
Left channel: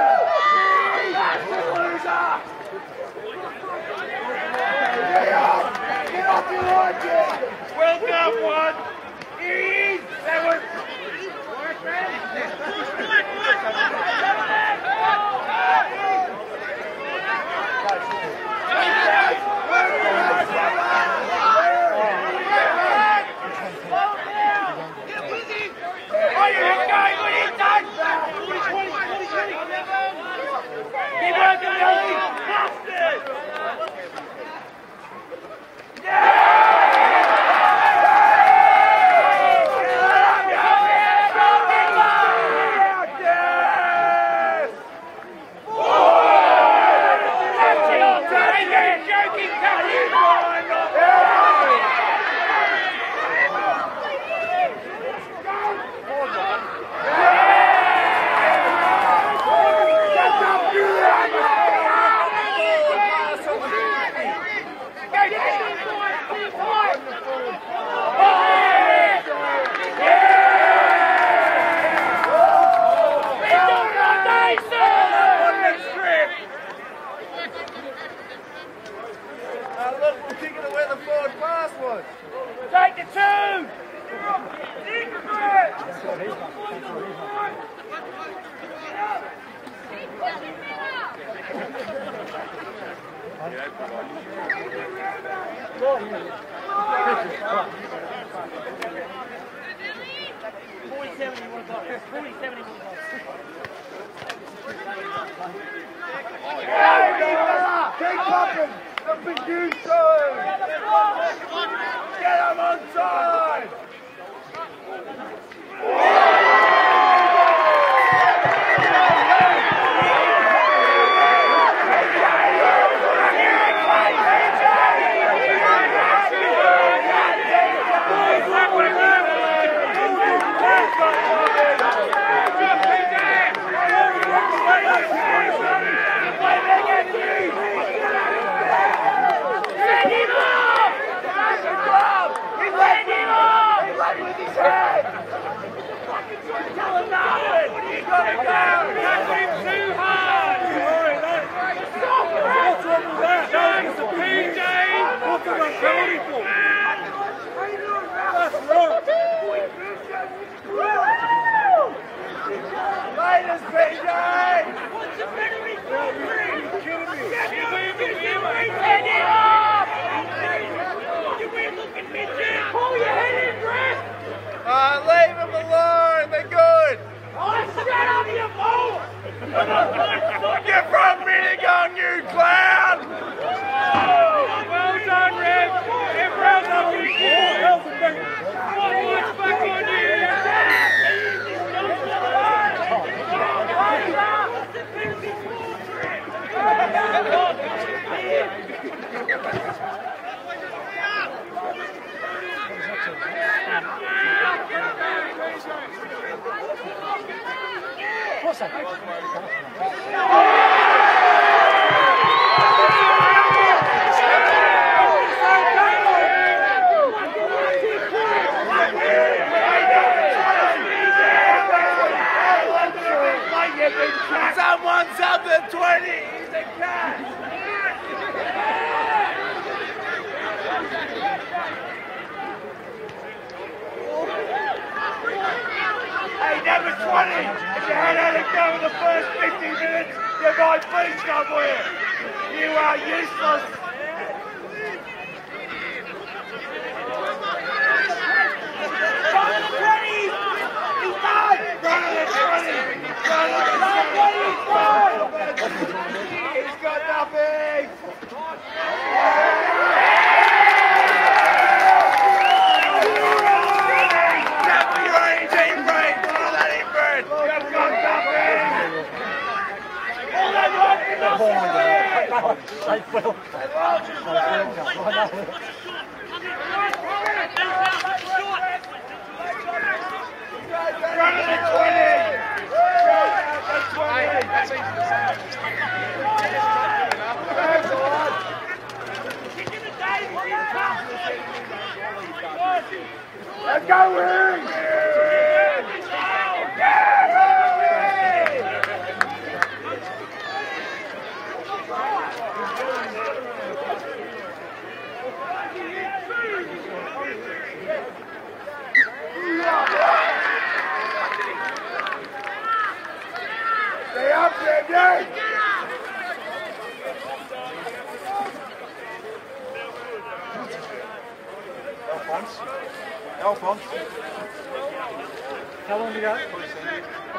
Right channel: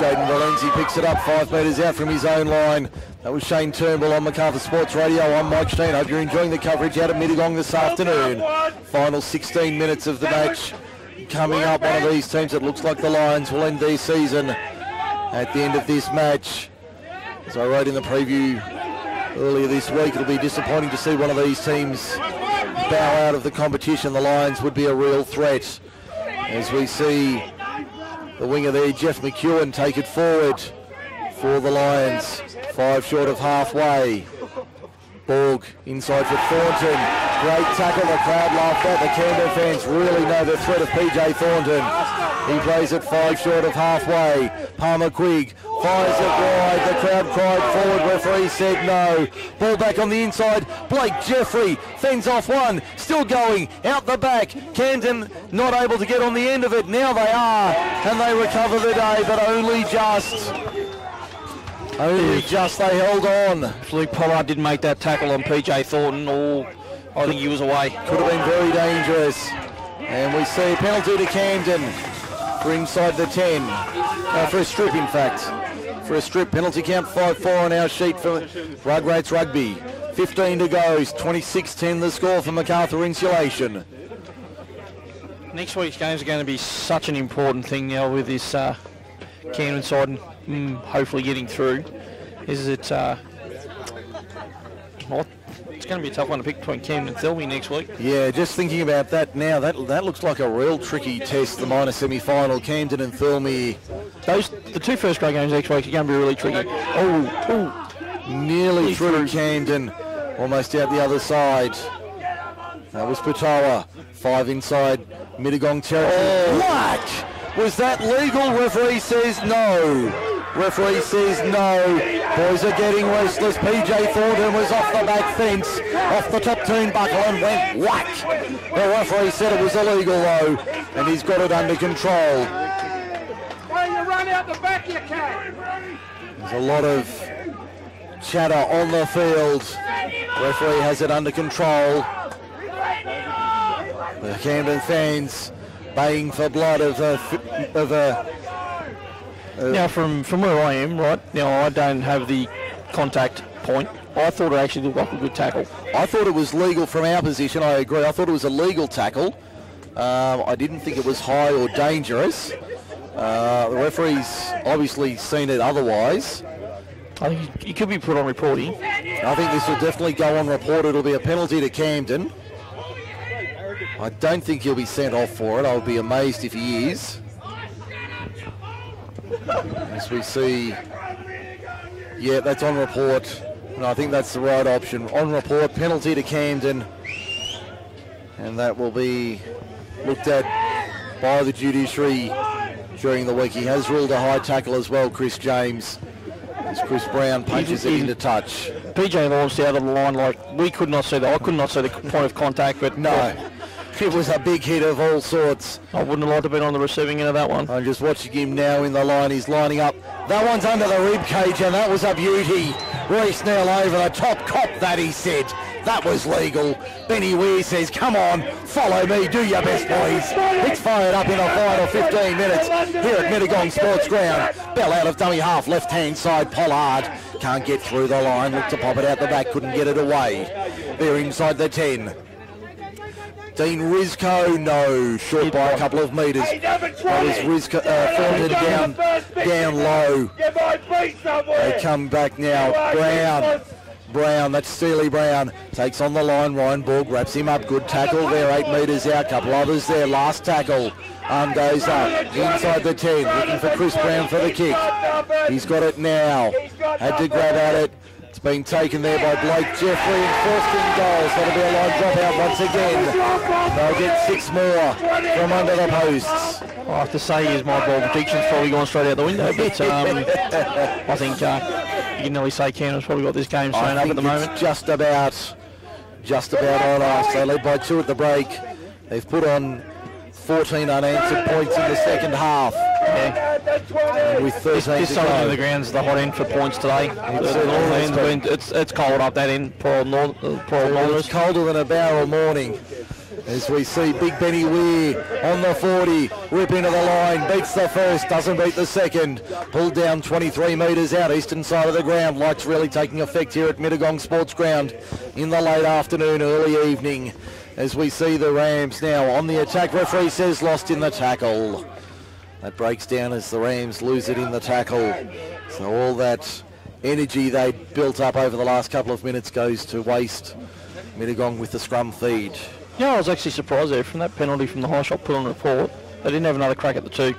Jaden Valenzi picks it up 5 metres out from his own line. That was Shean Turnbull on Macarthur Sports Radio. I'm Mike Shean. Hope you're enjoying the coverage out of Mittagong this afternoon. Final 16 minutes of the match. Coming up, one of these teams that looks like the Lions will end their season at the end of this match. As I wrote in the preview earlier this week, it'll be disappointing to see one of these teams bow out of the competition. The Lions would be a real threat. As we see the winger there, Jeff McEwen, take it forward for the Lions. 5 short of halfway. Borg inside for Thornton. Great tackle, the crowd laughed at. The Turnbull fans really know the threat of PJ Thornton. He plays it 5 short of halfway. Palmer Quigg fires it wide. The crowd cried forward. Referee said no. Ball back on the inside. Blake Jeffrey fends off one. Still going out the back. Camden not able to get on the end of it. Now they are. Can they recover today? But only just. They held on. Luke Pollard didn't make that tackle on PJ Thornton, or I think he was away. Could have been very dangerous. And we see a penalty to Camden for inside the 10. For a strip, in fact. For a strip, penalty count 5-4 on our sheet for Rugrats Rugby. 15 to go, 26-10 the score for Macarthur Insulation. Next week's games are going to be such an important thing now with this Camden side and hopefully getting through. Is it? Well, it's going to be a tough one to pick between Camden and Thelmy next week. Yeah, just thinking about that now, that looks like a real tricky test, the minor semi-final, Camden and Thelmy. The 2 first grade games next week are going to be really tricky. Nearly through Camden, almost out the other side. That was Patoa, 5 inside, Mittagong 10. Was that legal? Referee says no. Referee says no. Boys are getting restless. PJ Thornton was off the back fence, off the top turnbuckle and went whack. The referee said it was illegal though, and he's got it under control. There's a lot of chatter on the field. The referee has it under control. The Camden fans baying for blood of a Now, from where I am, right, now I don't have the contact point. I thought it actually looked like a good tackle. I thought it was legal from our position, I agree. I thought it was a legal tackle. I didn't think it was high or dangerous. The referee's obviously seen it otherwise. It could be put on reporting. I think this will definitely go on report. It'll be a penalty to Camden. I don't think he'll be sent off for it. I'll be amazed if he is. As we see, yeah, that's on report. No, I think that's the right option. On report, penalty to Camden. And that will be looked at by the judiciary during the week. He has ruled a high tackle as well, Chris James. As Chris Brown punches it into touch. PJ launched out of the line like we could not see that. I could not see the point of contact, but no. It was a big hit of all sorts. I wouldn't have liked to have been on the receiving end of that one. I'm just watching him now in the line. He's lining up. That one's under the rib cage, and that was a beauty. Royce now over. Top that, he said. That was legal. Benny Weir says, come on, follow me, do your best, boys. It's fired up in the final 15 minutes. here at Mittagong Sports Ground. Bell out of dummy half, left-hand side, Pollard. Can't get through the line, looked to pop it out the back, couldn't get it away. They're inside the 10. Dean Rizco, no, short by a couple of metres. That was Rizco, down low. They come back now. Brown, that's Steely Brown, takes on the line, Reinborg wraps him up, good tackle there, 8 metres out, couple others there, last tackle, arm goes up, inside the 10, looking for Chris Brown for the kick, he's got it now, had to grab at it, it's been taken there by Blake Jeffrey, first in goals, that'll be a line drop out once again, they'll get 6 more from under the posts. I have to say is my ball prediction's probably gone straight out the window, but I think you can only say Camden's probably got this game straight up at the moment. Just about on us. They led by 2 at the break. They've put on 14 unanswered points in the second half. With 13 this side of the ground's the hot end for points today. It's cold up that end, poor Northern. It's colder than a barrel morning. As we see Big Benny Weir on the 40, whip into the line, beats the first, doesn't beat the second. Pulled down 23 metres out, eastern side of the ground. Lights really taking effect here at Mittagong Sports Ground in the late afternoon, early evening. As we see the Rams now on the attack. Referee says lost in the tackle. That breaks down as the Rams lose it in the tackle. So all that energy they built up over the last couple of minutes goes to waste. Mittagong with the scrum feed. Yeah, I was actually surprised there from that penalty from the high shot put on the court. They didn't have another crack at the 2.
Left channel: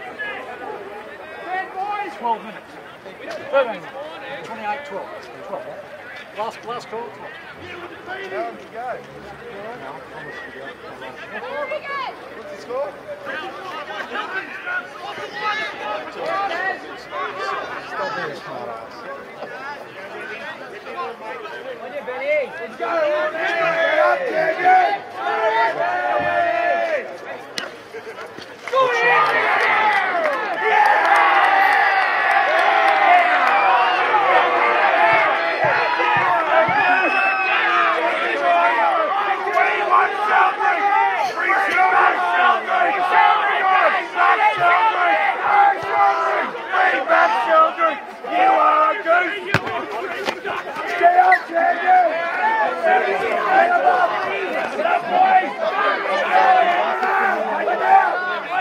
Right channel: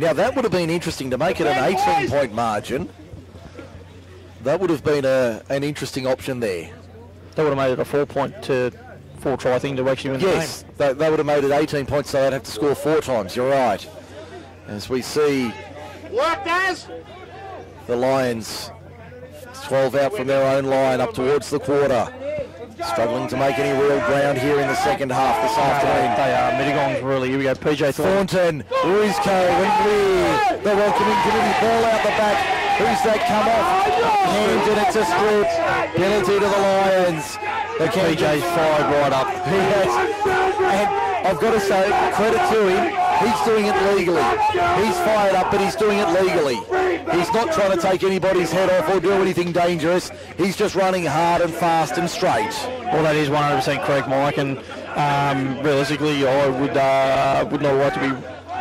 Now that would have been interesting to make it an 18-point margin. That would have been an interesting option there. That would have made it a 4-point to 4-try thing to actually win the game. Yes, that would have made it 18 points, so they'd have to score 4 times. You're right. As we see the Lions 12 out from their own line up towards the quarter. Struggling to make any real ground here in the second half this afternoon. Mittagong's really, here we go, PJ Thornton, Rizco, and Weir. The welcoming committee ball out the back. Who's that come off? And it's a split. Penalty to the Lions. The PJ fired right up. And I've got to say, credit to him, he's doing it legally. He's fired up, but he's doing it legally. He's not trying to take anybody's head off or do anything dangerous. He's just running hard and fast and straight. Well, that is 100% correct, Mike, and realistically, I would not like to be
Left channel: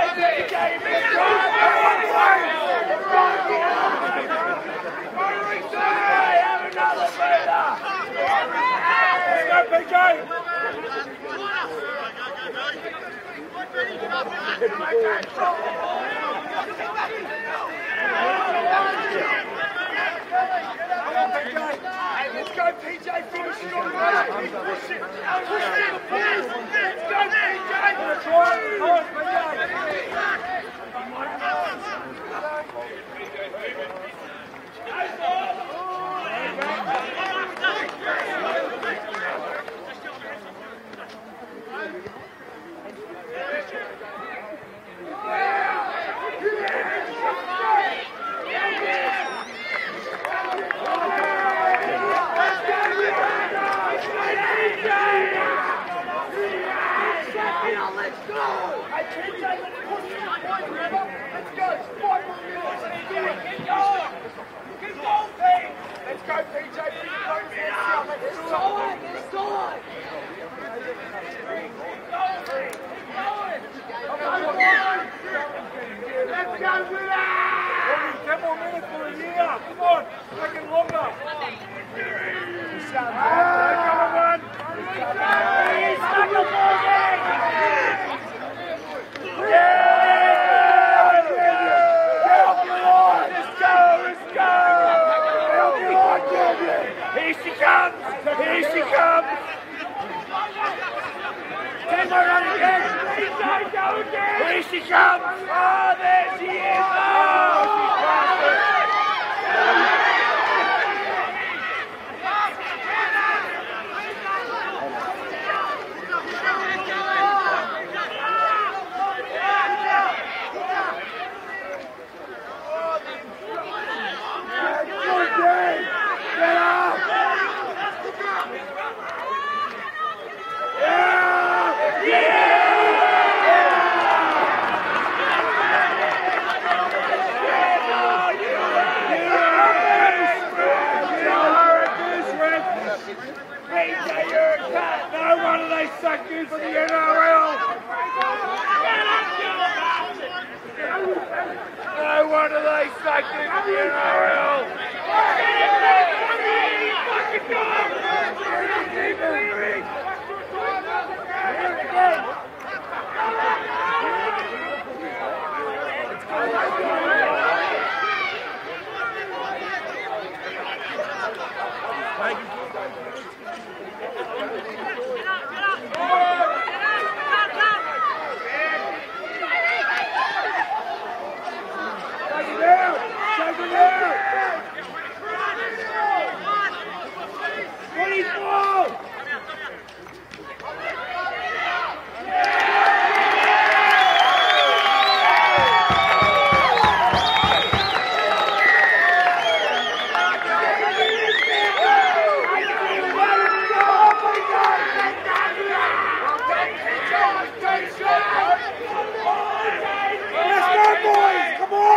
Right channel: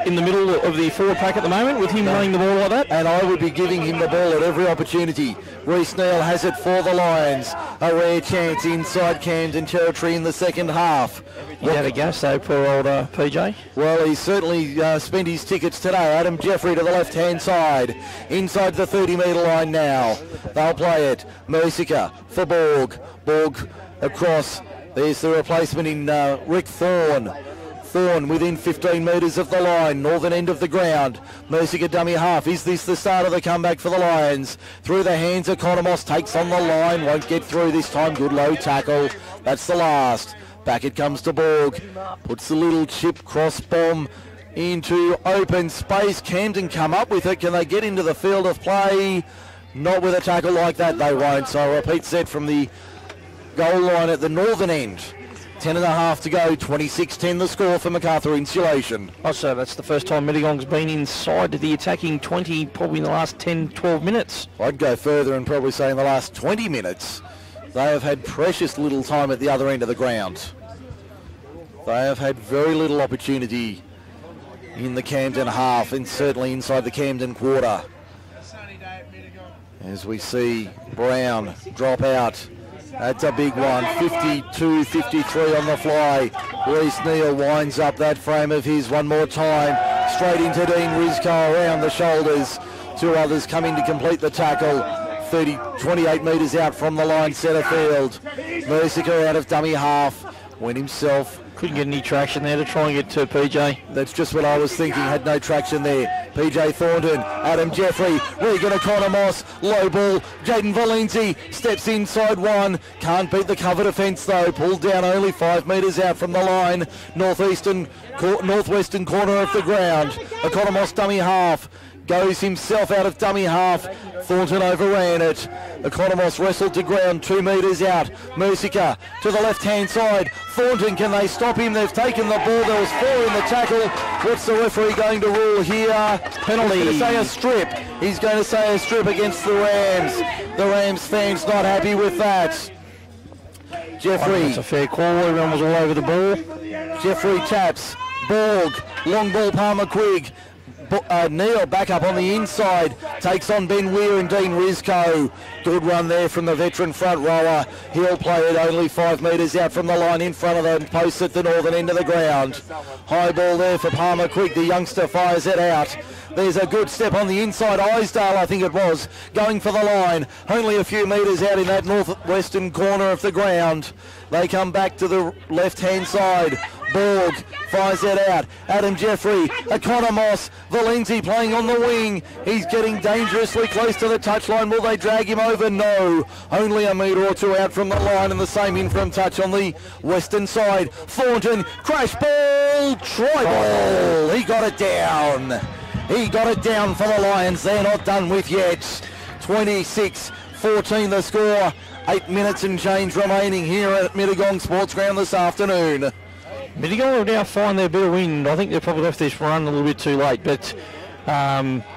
in the middle of the full attack at the moment with him running the ball like that. And I would be giving him the ball at every opportunity. Reece Neal has it for the Lions. A rare chance inside Camden territory in the second half. How to go, so for old PJ? Well, he's certainly spent his tickets today. Adam Jeffrey to the left-hand side. Inside the 30-metre line now. They'll play it. Mercica for Borg. Borg across. There's the replacement in Rick Thorne. Thorne within 15 metres of the line, northern end of the ground. Mercica dummy half. Is this the start of the comeback for the Lions? Through the hands of Economos, takes on the line, won't get through this time. Good low tackle. That's the last. Back it comes to Borg. Puts the little chip cross bomb into open space. Camden come up with it. Can they get into the field of play? Not with a tackle like that, they won't. So a repeat set from the goal line at the northern end. 10.5 to go, 26-10 the score for MacArthur Insulation. I'll say that's the first time Mittagong's been inside the attacking 20, probably in the last 10-12 minutes. I'd go further and probably say in the last 20 minutes. They have had precious little time at the other end of the ground. They have had very little opportunity in the Camden half and certainly inside the Camden quarter. As we see Brown drop out. That's a big one, 52-53 on the fly. Reece Neal winds up that frame of his one more time. Straight into Dean Rizco around the shoulders. 2 others come in to complete the tackle. 28 metres out from the line, centre field. Mercica out of dummy half. Went himself. Couldn't get any traction there. They're trying to get to PJ. That's just what I was thinking. Had no traction there. PJ Thornton, Adam Jeffrey, Regan Economos, low ball. Jaden Valenti steps inside one. Can't beat the cover defence though. Pulled down only 5 metres out from the line. Northwestern corner of the ground. Economos dummy half. Goes himself out of dummy half. Thornton overran it. Economos wrestled to ground, 2 metres out. Mercica to the left-hand side. Thornton, can they stop him? They've taken the ball. There was 4 in the tackle. What's the referee going to rule here? Penalty. He's going to say a strip. He's going to say a strip against the Rams. The Rams fans not happy with that. Jeffrey. It's a fair call. Everyone was all over the ball. Jeffrey taps. Borg. Long ball, Palmer Quigg. Neil back up on the inside. Takes on Ben Weir and Dean Rizko. Good run there from the veteran front rower. He'll play it only 5 metres out from the line in front of them. Post at the northern end of the ground. High ball there for Palmer Quigg. The youngster fires it out. There's a good step on the inside. Isdale, I think it was, going for the line. Only a few metres out in that northwestern corner of the ground. They come back to the left-hand side. Borg fires it out. Adam Jeffrey, Economos, Valenzi playing on the wing. He's getting dangerously close to the touchline. Will they drag him over? No. Only a metre or two out from the line, and the same in from touch on the western side. Thornton, crash ball, try ball. He got it down. He's got it down for the Lions. They're not done with yet. 26-14 the score. 8 minutes and change remaining here at Mittagong Sports Ground this afternoon. Mittagong will now find their bit of wind. I think they're probably off this run a little bit too late, but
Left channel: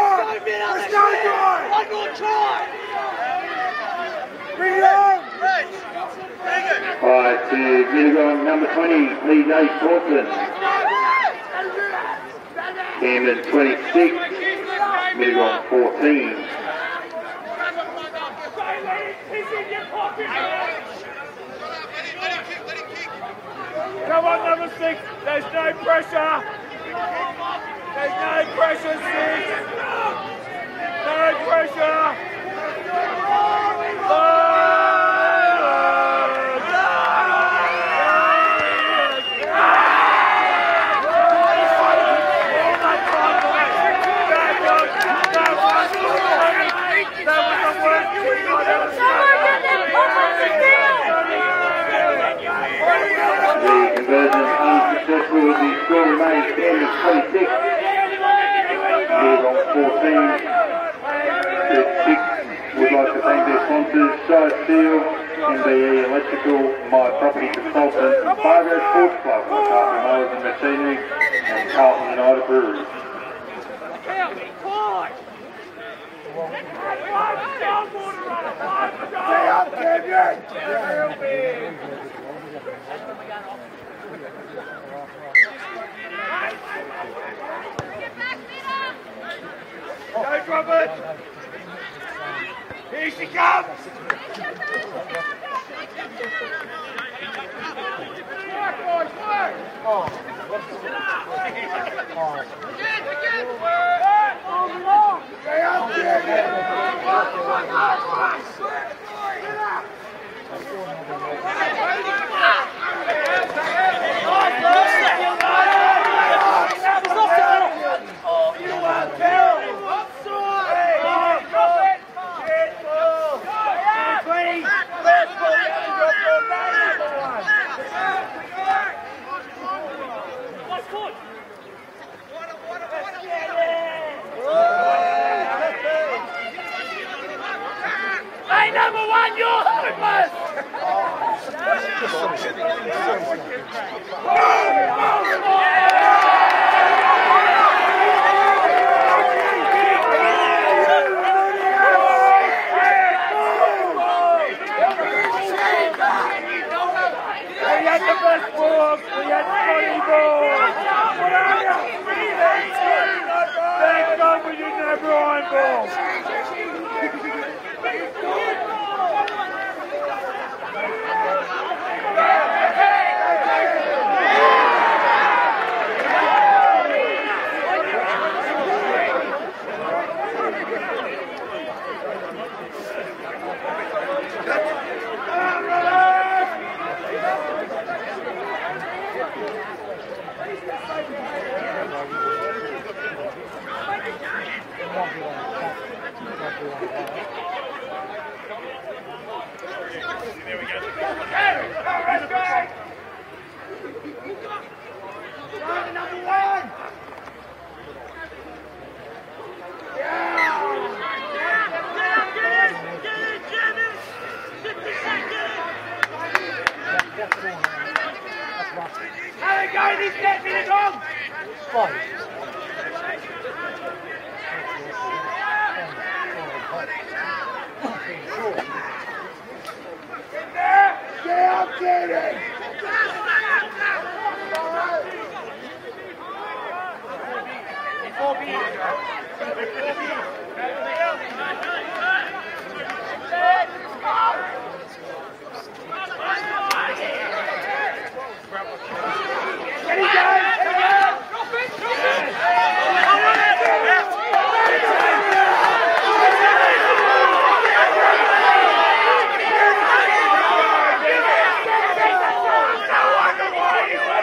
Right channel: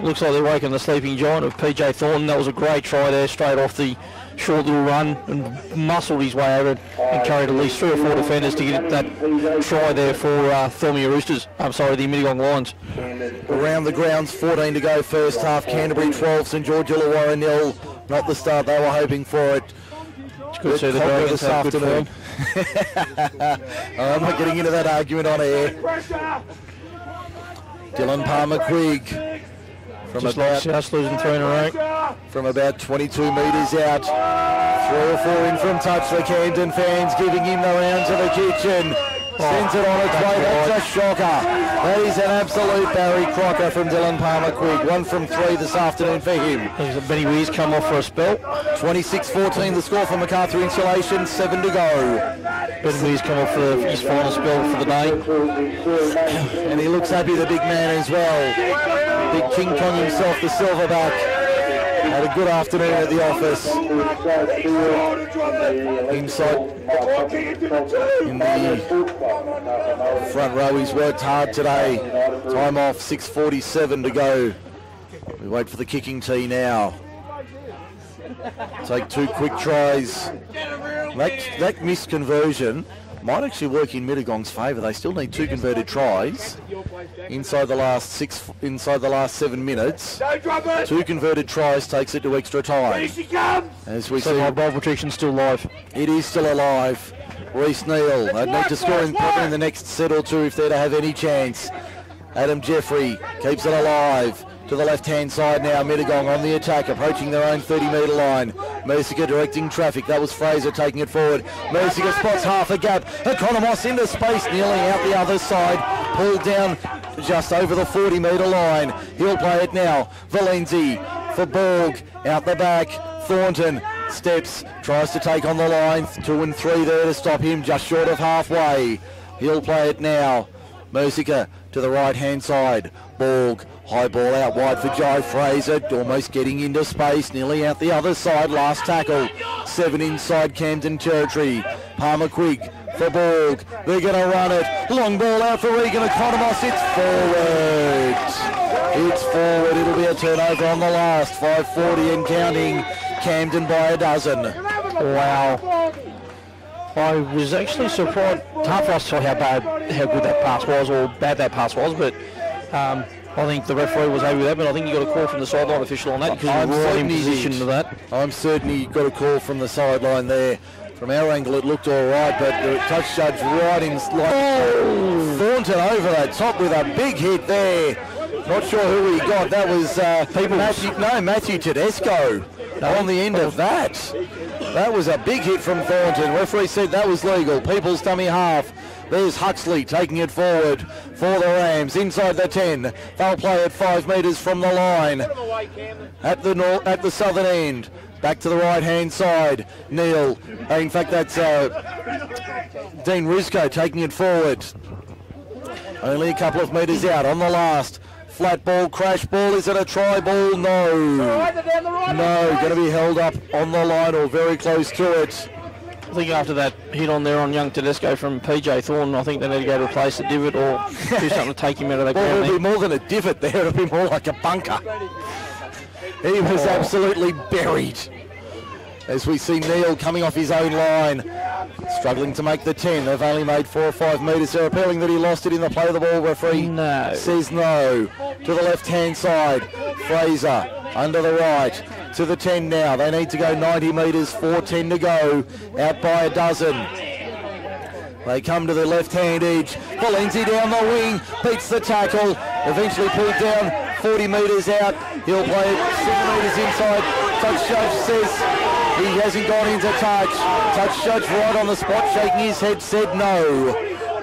looks like they're waking the sleeping giant of PJ Thornton. That was a great try there, straight off the short little run, and muscled his way over and carried at least 3 or 4 defenders to get that try there for Thornton Roosters. I'm sorry, the Mittagong Lions. Around the grounds, 14 to go first half. Canterbury 12, St George Illawarra 0. Not the start they were hoping for it. It's good to see the Dragons this afternoon. I'm not getting into that argument on air. Dylan Palmer Quigg Just like South losing 3 in a row. From about 22 metres out. 3 or 4 in from touch. The Camden fans giving him the round to the kitchen. Sends it on its way. That's a shocker. He's an absolute Barry Crocker from Dylan Palmer Quigg. 1 from 3 this afternoon for him. Benny Weir's come off for a spell. 26-14 the score from MacArthur Insulation. 7 to go. Benny Weir's come off for his first spell for the day. And he looks happy, the big man as well. Big King Kong himself, the silverback. Had a good afternoon at the office. Front row, he's worked hard today. Time off, 6:47 to go. We wait for the kicking tee now. Take 2 quick tries. That missed conversion might actually work in Mittagong's favour. They still need 2 converted tries inside the last 7 minutes. 2 converted tries takes it to extra time. As we see, ball protection's still live. it is still alive. Reece Neal, they need to score in the next set or 2 if they're to have any chance. Adam Jeffrey keeps it alive. To the left-hand side now, Mittagong on the attack, approaching their own 30-metre line. Mercier directing traffic. That was Fraser taking it forward. Mercier spots half a gap. Economos into space, nearly out the other side. Pulled down just over the 40-metre line. He'll play it now. Valenzi for Borg. Out the back. Thornton steps, tries to take on the line. 2 and 3 there to stop him, just short of halfway. He'll play it now. Mercier to the right-hand side. Borg. High ball out wide for Joe Fraser, almost getting into space, nearly out the other side, last tackle. 7 inside Camden territory. Palmer Quigg for Borg. They're going to run it. Long ball out for Regan Economos. It's forward. It's forward. It'll be a turnover on the last. 5:40 and counting. Camden by a dozen. Wow. I was actually surprised. It's hard for us to say how good that pass was or bad that pass was, but I think the referee was over there, but I think you got a call from the sideline official on that because he was right in position for that. I'm certain he got a call from the sideline there. From our angle it looked all right, but the touch judge right in. Thornton over the top with a big hit there. Not sure who he got. That was Matthew Tedesco on the end of that. That was a big hit from Thornton. Referee said that was legal. People's dummy half. There's Huxley taking it forward for the Rams inside the 10. They'll play it 5 metres from the line at the southern end. Back to the right-hand side. Neil. In fact, that's Dean Rizko taking it forward. Only a couple of metres out on the last. Flat ball, crash ball. Is it a try ball? No. No, going to be held up on the line or very close to it. I think after that hit on there on young Tedesco from PJ Thornton, I think they need to go replace the divot or do something to take him out of that ground. It'll be more than a divot there, it'll be more like a bunker. He was absolutely buried. As we see Neil coming off his own line, struggling to make the 10. They've only made 4 or 5 metres. They're appealing that he lost it in the play of the ball. Referee says no. To the left-hand side, Fraser under the right. To the 10 now. They need to go 90 metres, 4:10 to go. Out by a dozen. They come to the left-hand edge. Valenzi down the wing, beats the tackle. Eventually pulled down 40 metres out. He'll play 6 metres inside. Touch judge says he wasn't going to touch. Touch judge right on the spot, shaking his head, said no.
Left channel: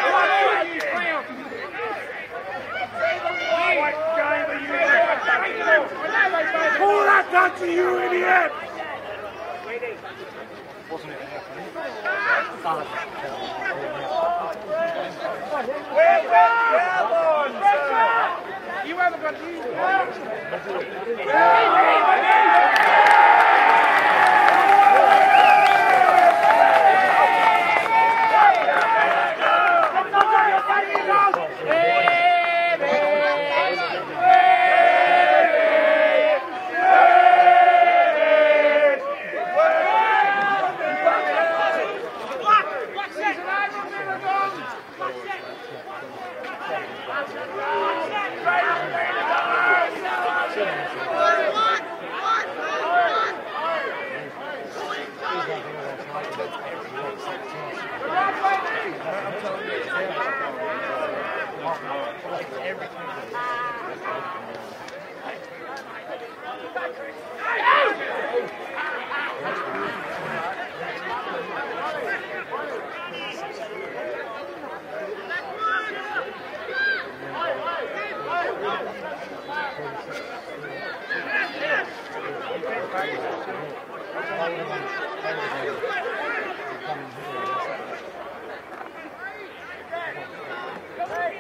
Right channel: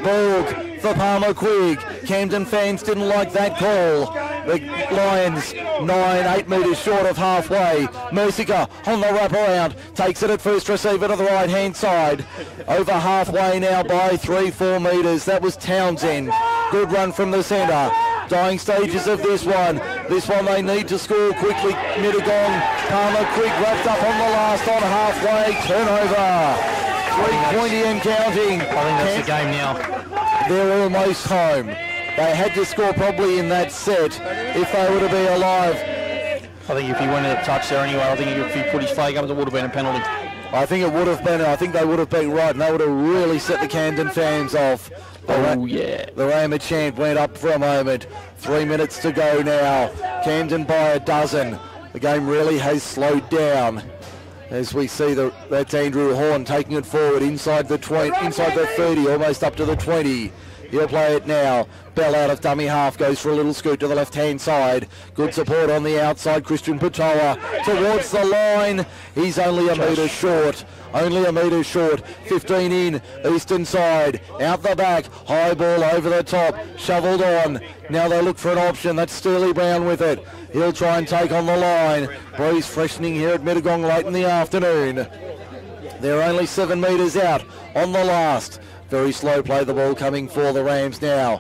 Ball for Palmer Quigg. Camden fans didn't like that call. The Lions 9-8 metres short of halfway. Mercica on the wraparound, takes it at first receiver to the right hand side. Over halfway now by 3-4 metres. That was Townsend. Good run from the centre. Dying stages of this one. This one they need to score quickly. Mittagong, Palmer Quigg wrapped up on the last on halfway. Turnover. 3-20 and counting. I think that's the game now. They're almost home. They had to score probably in that set if they would have been alive. I think if he went out of touch there anyway, I think if he put his flag up, it would have been a penalty. I think it would have been, I think they would have been right, and they would have really set the Camden fans off. The Rama chant went up for a moment. 3 minutes to go now. Camden by a dozen. The game really has slowed down. As we see that's Andrew Horn taking it forward inside the 20, inside the 30, almost up to the 20. He'll play it now. Bell out of dummy half, goes for a little scoot to the left-hand side. Good support on the outside. Christian Patoa towards the line. He's only a metre short. Only a metre short. 15 in, eastern side. Out the back. High ball over the top. Shovelled on. Now they look for an option. That's Sturley Brown with it. He'll try and take on the line. Breeze freshening here at Mittagong late in the afternoon. They're only 7 metres out on the last. Very slow play the ball coming for the Rams now.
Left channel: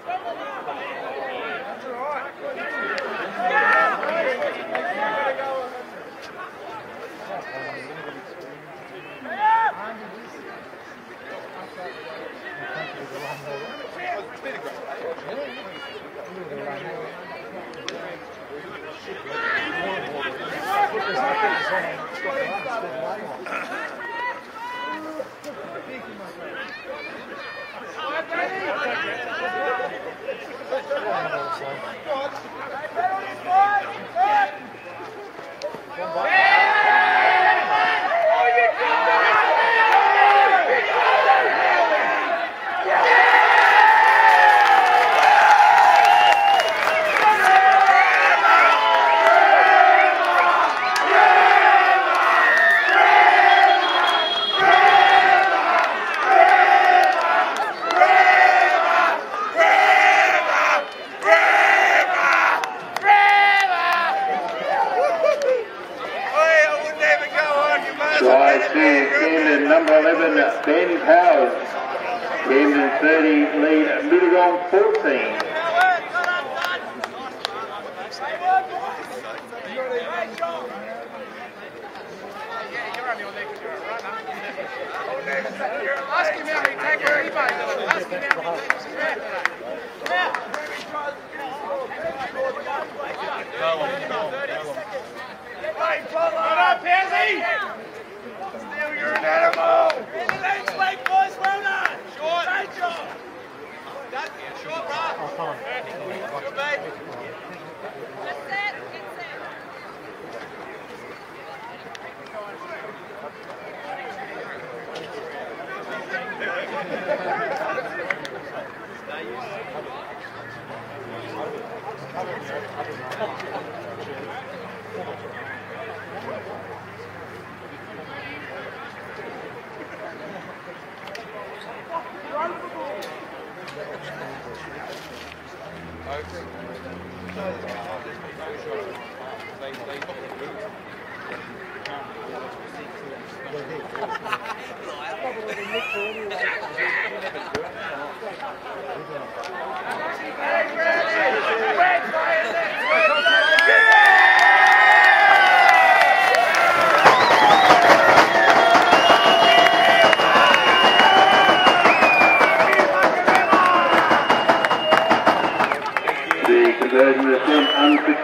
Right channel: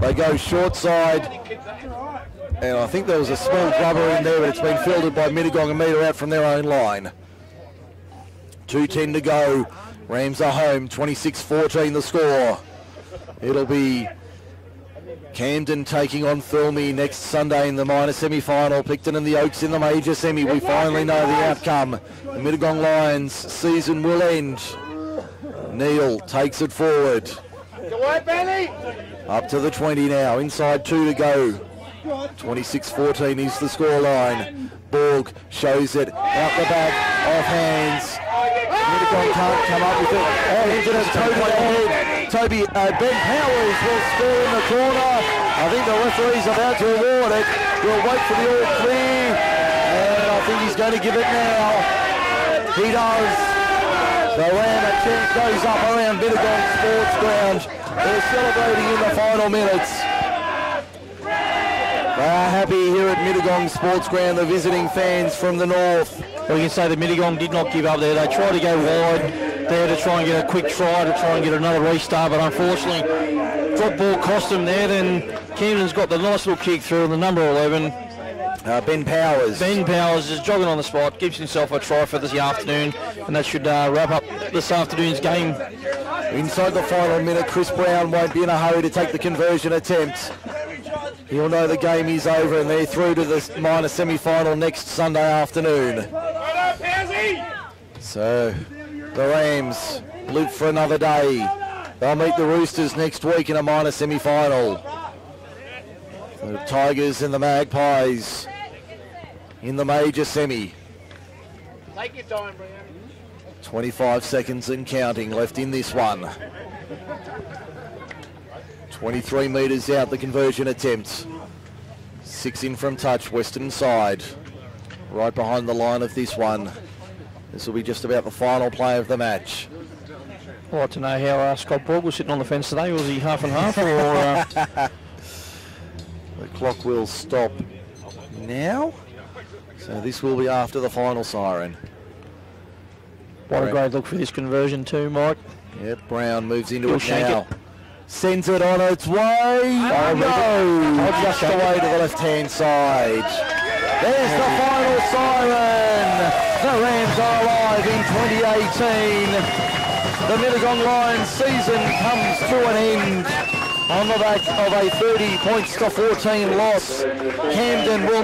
They go short side. And I think there was a small rubber in there, but it's been fielded by Mittagong, a metre out from their own line. 2:10 to go. Rams are home, 26-14 the score. It'll be Camden taking on Thilmy next Sunday in the minor semi-final. Picton and the Oaks in the major semi. We finally know the outcome. The Mittagong Lions season will end. Neil takes it forward. Up to the 20 now. Inside 2 to go. 26-14 is the scoreline. Borg shows it out the back, off hands. Mittagong can't come up with it. Oh, here's it as Ben Powers will score in the corner. I think the referee's about to award it. We'll wait for the all clear. And I think he's going to give it now. He does. The round of kick goes up around Mittagong Sports Ground. They're celebrating in the final minutes. Happy here at Mittagong Sports Ground, the visiting fans from the north. We can say that Mittagong did not give up there. They tried to go forward. They were trying to get a quick try to try and get another restart, but unfortunately, drop ball cost them there. Then Camden's got the nice little kick through the number 11. Ben Powers. Ben Powers is jogging on the spot, gives himself a try for this afternoon, and that should wrap up this afternoon's game. Inside the final minute, Chris Brown won't be in a hurry to take the conversion attempt. You'll know the game is over and they're through to the minor semi-final next Sunday afternoon. So the Rams live for another day. They'll meet the Roosters next week in a minor semi-final. The Tigers and the Magpies in the major semi. 25 seconds and counting left in this one. 23 metres out the conversion attempt. 6 in from touch, western side. Right behind the line of this one. This will be just about the final play of the match. I'd like to know how Scott Borg was sitting on the fence today. Was he half and half or... The clock will stop now. So this will be after the final siren. What a great look for this conversion too, Mike. Yep, Brown moves into it now. Sends it on its way. Oh no! Just away to the left-hand side. There's the final siren. The Rams are alive in 2018.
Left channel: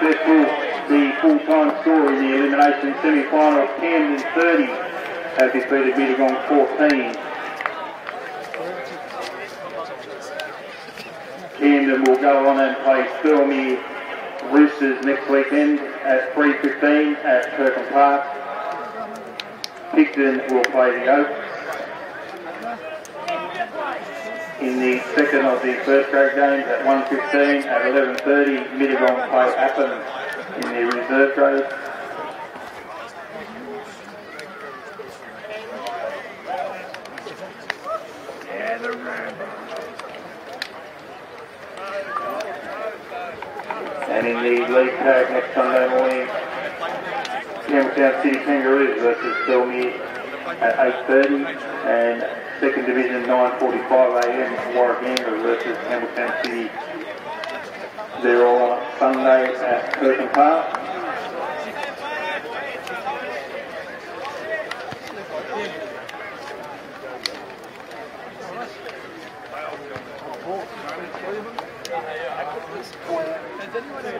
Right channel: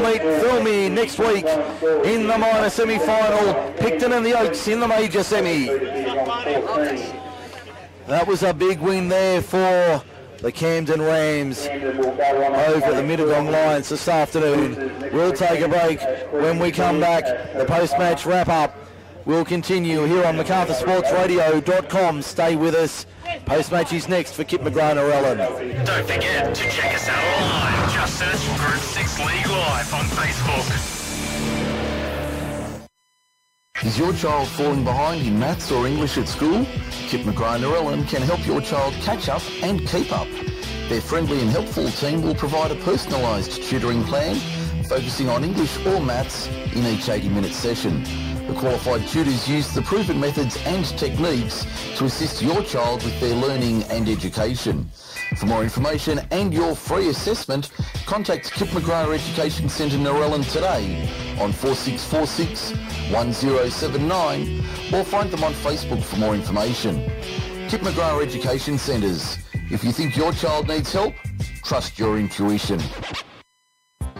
week, Filmy next week in the minor semi-final. Picton and the Oaks in the major semi. That was a big win there for the Camden Rams over the Mittagong Lions this afternoon. We'll take a break. When we come back, the post-match wrap-up will continue here on MacArthurSportsRadio.com. Stay with us. Post-match is next for Kip McGrath or Elim. Don't forget, 1:15 at 11:30, Mittagong play Athens. Is your child falling behind in maths or English at school? Kip McGrath or Elim can help your child catch up and keep up. Their friendly and helpful team will provide a personalised tutoring plan focusing on English or maths in each 80-minute session. Qualified tutors use the proven methods and techniques to assist your child with their learning and education. For more information and your free assessment, contact Kip McGrath Education Centre near Elim today on 4646 1079 or find them on Facebook for more information. Kip McGrath Education Centres. If you think your child needs help, trust your intuition.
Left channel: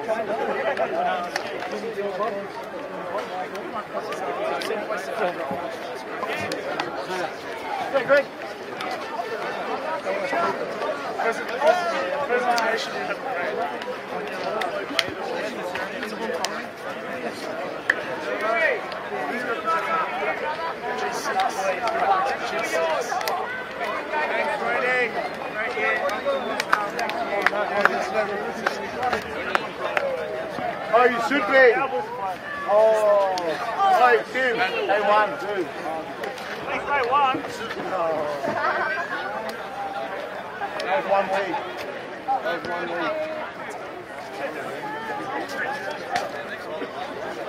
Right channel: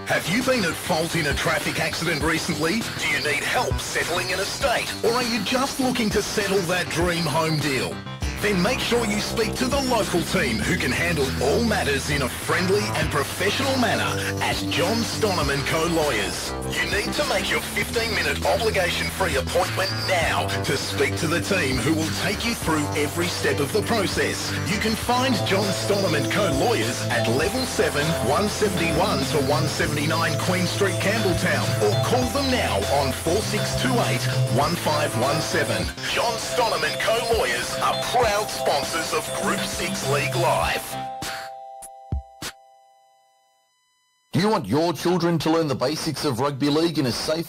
Have you been at fault in a traffic accident recently? Do you need help settling an estate? Or are you just looking to settle that dream home deal? Then make sure you speak to the local team who can handle all matters in a friendly and professional manner at John Stonham & Co Lawyers. You need to make your 15-minute obligation-free appointment now to speak to the team who will take you through every step of the process. You can find John Stonham & Co Lawyers at Level 7, 171 to 179 Queen Street, Campbelltown, or call them now on 4628 1517. John Stonham & Co Lawyers are proud sponsors of Group 6 League Live. Do you want your children to learn the basics of rugby league in a safe,